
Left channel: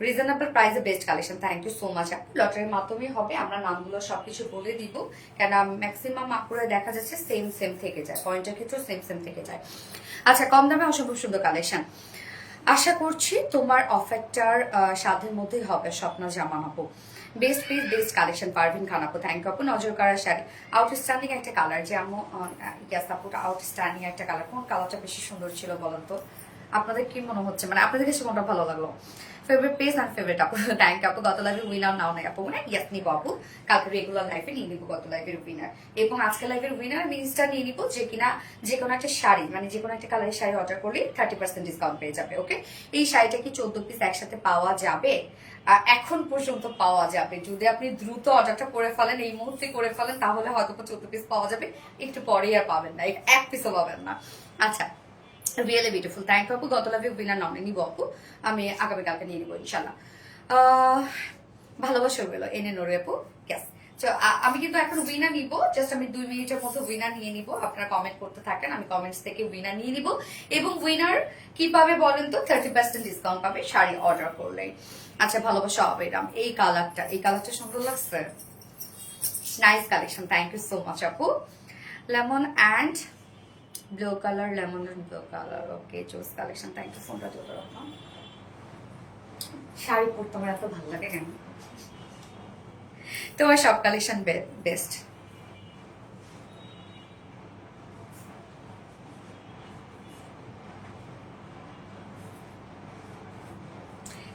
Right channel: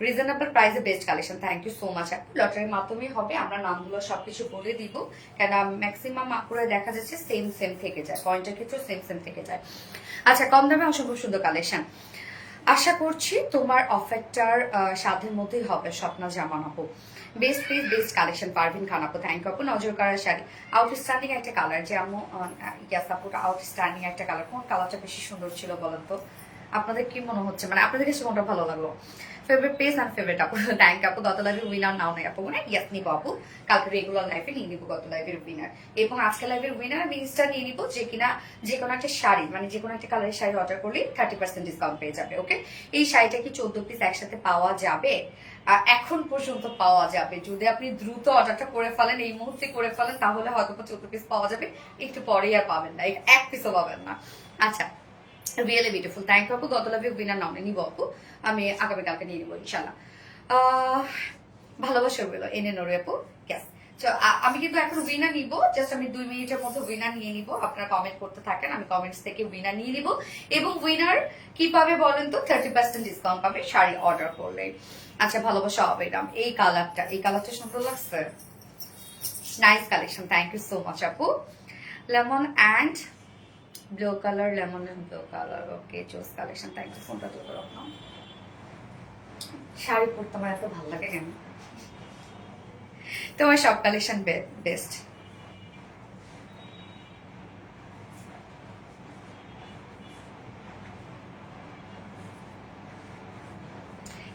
রিজনেবল প্রাইসে best collection, thank you so much আপু। লটারির মাধ্যমেই হবে, আমরা নামগুলো সবকিছু বলে দিব, কেন ম্যাক্সিমাম আপুরা দেখা যাচ্ছে সেম সেম থেকে যায়, পয়েন্টের ক্ষেত্রে সেম সেম থেকে যায়। আচ্ছা, কম দামে অসম্ভব সুন্দর কালেকশন, আশা করছি তোমার অফারটার সাধ্যের মধ্যেই হবে। স্বপ্না জামান আপু, best piece best collection, Parvin Khan আপু, থ্যাংক ইউ আপু। নজর করা শাড়ি, আউটস্ট্যান্ডিং একটা কালার, যেমন ইয়াস আপু, আউটস্ট্যান্ডিং একটা কালার। কোন কালারটা বেশি সুন্দর ছিল বলেন তো? আপনাদের কি মনে হচ্ছে, মানে আপনাদের কাছে কোনটা ভালো লাগলো? ফেভারিট পেজ আর ফেভারিট আপু, থ্যাংক আপু। গত লাইভে উইনার নাও নাই আপু, মানে ইয়াস নিব আপু, কালকে রেগুলার লাইভে নিয়ে নিব গত লাইভের উইনার, এবং আজকে লাইভের উইনার আমি ইনস্টা নিয়ে নিব, যে কিনা যে কোনো একটা শাড়ি, মানে যে কোনো একটা কালারের শাড়ি অর্ডার করলে 30% ডিসকাউন্ট পেয়ে যাবে। ওকে, এই শাড়িটা কি 14 পিস একসাথে পাওয়া যাবে? এখন পর্যন্ত পাওয়া যাবে, যদি আপনি দ্রুত অর্ডারটা করে ফেলেন, এই মুহূর্তে করে ফেলেন, তাহলে হয়তো 14 পিস পাওয়া যাবে, একটু পরে আর পাবেন না, এক পিসও পাবেন না। আচ্ছা, রিয়েলি বিউটিফুল, থ্যাংক ইউ আপু। গত লাইভে উইনার নাও নিব আপু, আমি আগামীকালকে নিয়ে নিবো ইনশাল্লাহ। ভালোবাসা রইল এনে নরে আপু, ইয়েস। আমি কিন্তু এখন উইনার নিব, জাস্ট আমি 2 মিনিটের মধ্যে উইনার নিয়ে নিব। আপনারা কমেন্ট করতে থাকেন, আমি কমেন্টস থেকে উইনার নিয়ে নিব, এবং উইনার কি পাবে বলেন তো? 30% ডিসকাউন্ট পাবে শাড়ি অর্ডার করলে। আচ্ছা, ভালোবাসা অবিরাম, এই কালারটা সুন্দর লাগছে, nice collection, thank you so much আপু। Lemon and blue colour, lemon and blue colour, okay, choose collection, thank you. ফোনটা দিয়ে রাখলাম। শাড়ি পরতে আমার এত ভালো লাগে কেন? তোমার সব কালেকশন বেস্ট।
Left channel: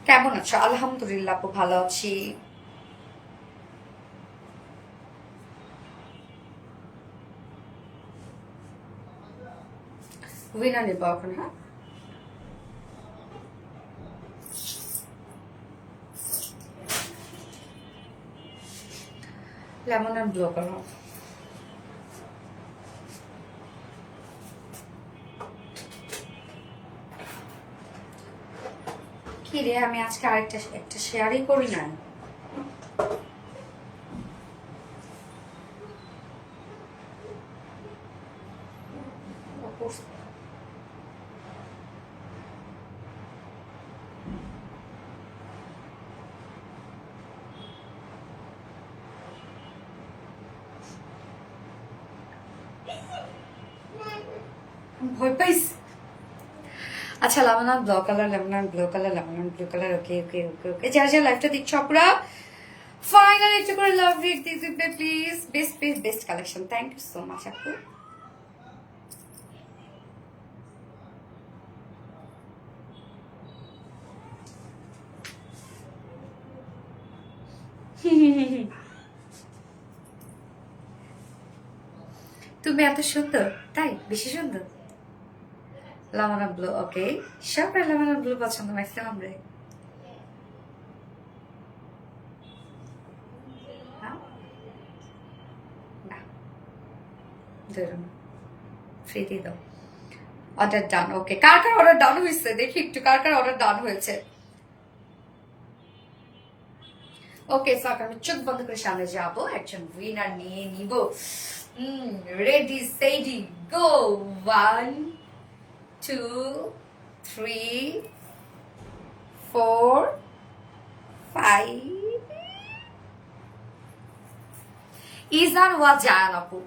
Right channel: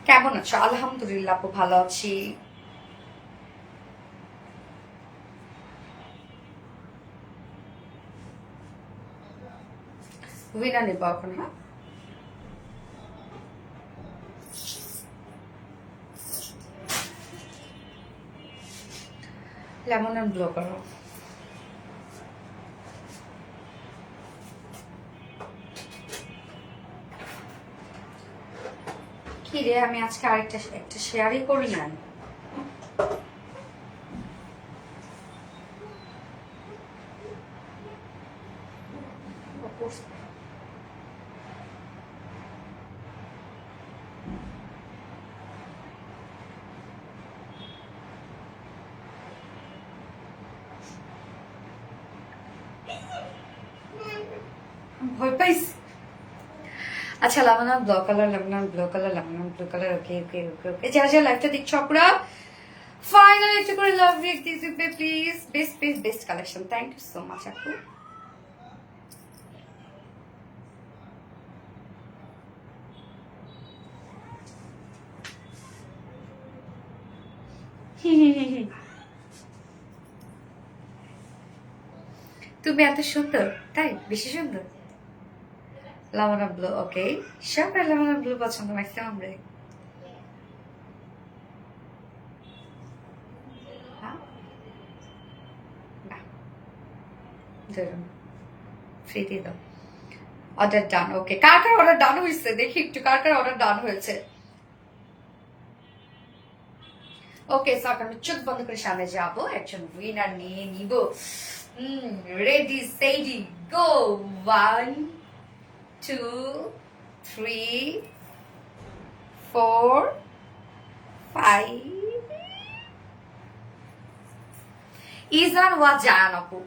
কেমন আছো? আলহামদুলিল্লাহ আপু, ভালো আছি। উইনার নেবো এখন, হ্যাঁ। লেমন এন্ড ব্লু কালার, কি রে, আমি আজকে একটা শেয়ারই করি নাই। ভয় পাইছি। আচ্ছা, lemon blue colour, lemon blue colour, lemon blue colour, okay okay okay okay. যারা যারা লাইভটা দেখছো আপনারা ফাইনালি একটু করে লাভ রেখ দিয়ে দিবে please. Best best best collection, thank you so much আপু। তুমি এত সুন্দর, তাই বেশি সুন্দর। লেমন ব্লু, ওকে, সবার লেমন ব্লু পছন্দ ম্যাক্সিমাম রে। ফ্রি দিয়ে দাও। অর্ডার ডান, ওকে। কার কার অর্ডার ডান হয়েছে দেখি একটু, কার কার অর্ডার ডান হয়েছে। ওকে, সো আমি চোখ বন্ধ করে সামনে যাবো, একজন উইনার নিয়ে নিব। রেডি সেডি গো, 1 2 3 4 5। ইজান ওয়া জায়ান আপু,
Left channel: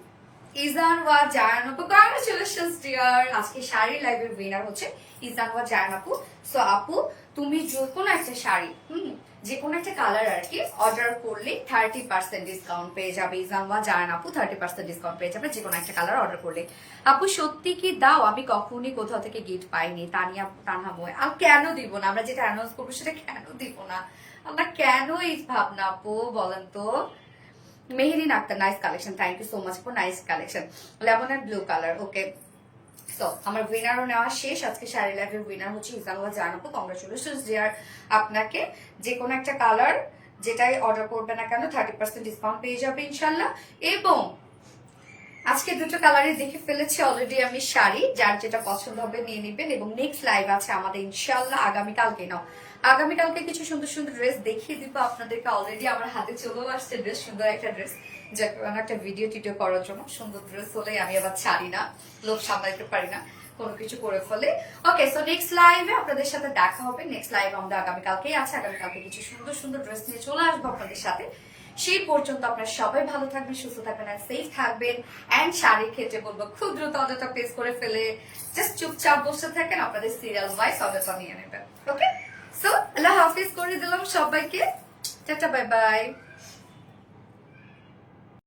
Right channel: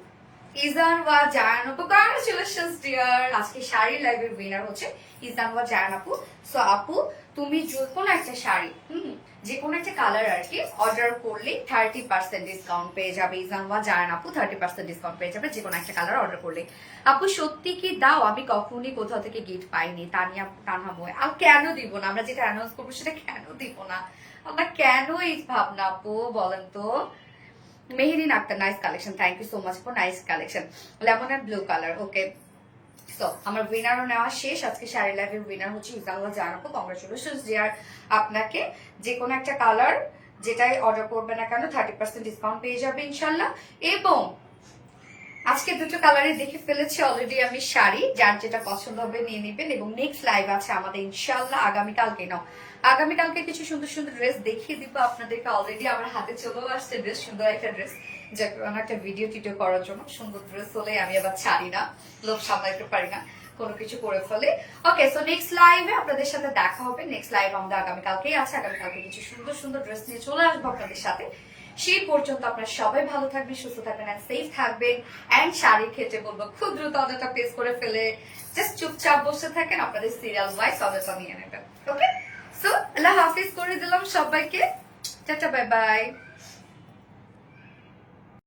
ইজান ওয়া জায়ান আপু, কংগ্রাচুলেশনস ডিয়ার। আজকে শাড়ি লাইভের উইনার হচ্ছে ইজান ওয়া জায়ান আপু। সো আপু, তুমি যে কোনো একটা শাড়ি, যে কোনো একটা কালার আর কি অর্ডার করলে 30% ডিসকাউন্ট পেয়ে যাবে। ইজান ওয়া জায়ান আপু 30% ডিসকাউন্ট পেয়ে যাবে যে কোনো একটা কালার অর্ডার করলে। আপু সত্যি কি দাও? আমি কখনই কোথাও থেকে গিফট পাইনি। তানিয়া তানহা বই, আর কেন দিব না? আমরা যেটা অ্যানাউন্স করবো সেটা কেন দিব না? আমরা কেন এই ভাবনা আপু বলেন তো? Meherin Akter, nice collection, thank you so much for nice collection. Lemon and blue colour, okay. So আমার উইনারও নেওয়া শেষ। আজকে শাড়ি লাইভের উইনার হচ্ছে ইজানুয়া জানাবো, কংগ্রাচুলেশন ডিয়ার আপনাকে। যে কোনো একটা কালার যেটাই অর্ডার করবে না কেন 30% ডিসকাউন্ট পেয়ে যাবে ইনশাল্লাহ। এবং আজকে দুটো কালারই দেখে ফেলেছি অলরেডি আমি শাড়ি, যার যেটা পছন্দ হবে নিয়ে নিবেন। এবং নেক্সট লাইভ আছে আমাদের ইনশাল্লাহ আগামীকালকে। নাও আগামীকালকে কিছু সুন্দর সুন্দর ড্রেস দেখিয়ে দিব আপনাদেরকে। অলরেডি আমার হাতে চলেও আসছে ড্রেস, সুন্দর একটা ড্রেস, যে একটা ভিডিও টিডিও করার জন্য। সুন্দর ড্রেস হলে আমি আবার ছাড়ি না, লোক সামলাইতে পারি না, কোনো কিছু করে ফেলে। ওকে, সো নেক্সট লাইভে আপনাদের সাথে দেখা হবে। নেক্সট লাইভ আমাদের আগামীকালকেই আছে। আগামীকালকে কিছু সুন্দর সুন্দর ড্রেস নিয়ে চলে আসবো আপনাদের সাথে। সেই পর্যন্ত আপনারা সবাই ভালো থাকবেন, সুস্থ থাকবেন, এন্ড সেফ থাকবেন। এন্ড শাড়ির ক্ষেত্রে বলবো খুব দ্রুত অর্ডারটা প্লেস করে ফেলে জাস্ট চুপচাপ বসে থাকেন, আপনাদের সিরিয়াল ওয়াইজ অর্ডারটা নিয়ে নেবেন। ওকে, সো আল্লাহ হাফিজ করে দিলাম সবাইকে। Tata, bye bye.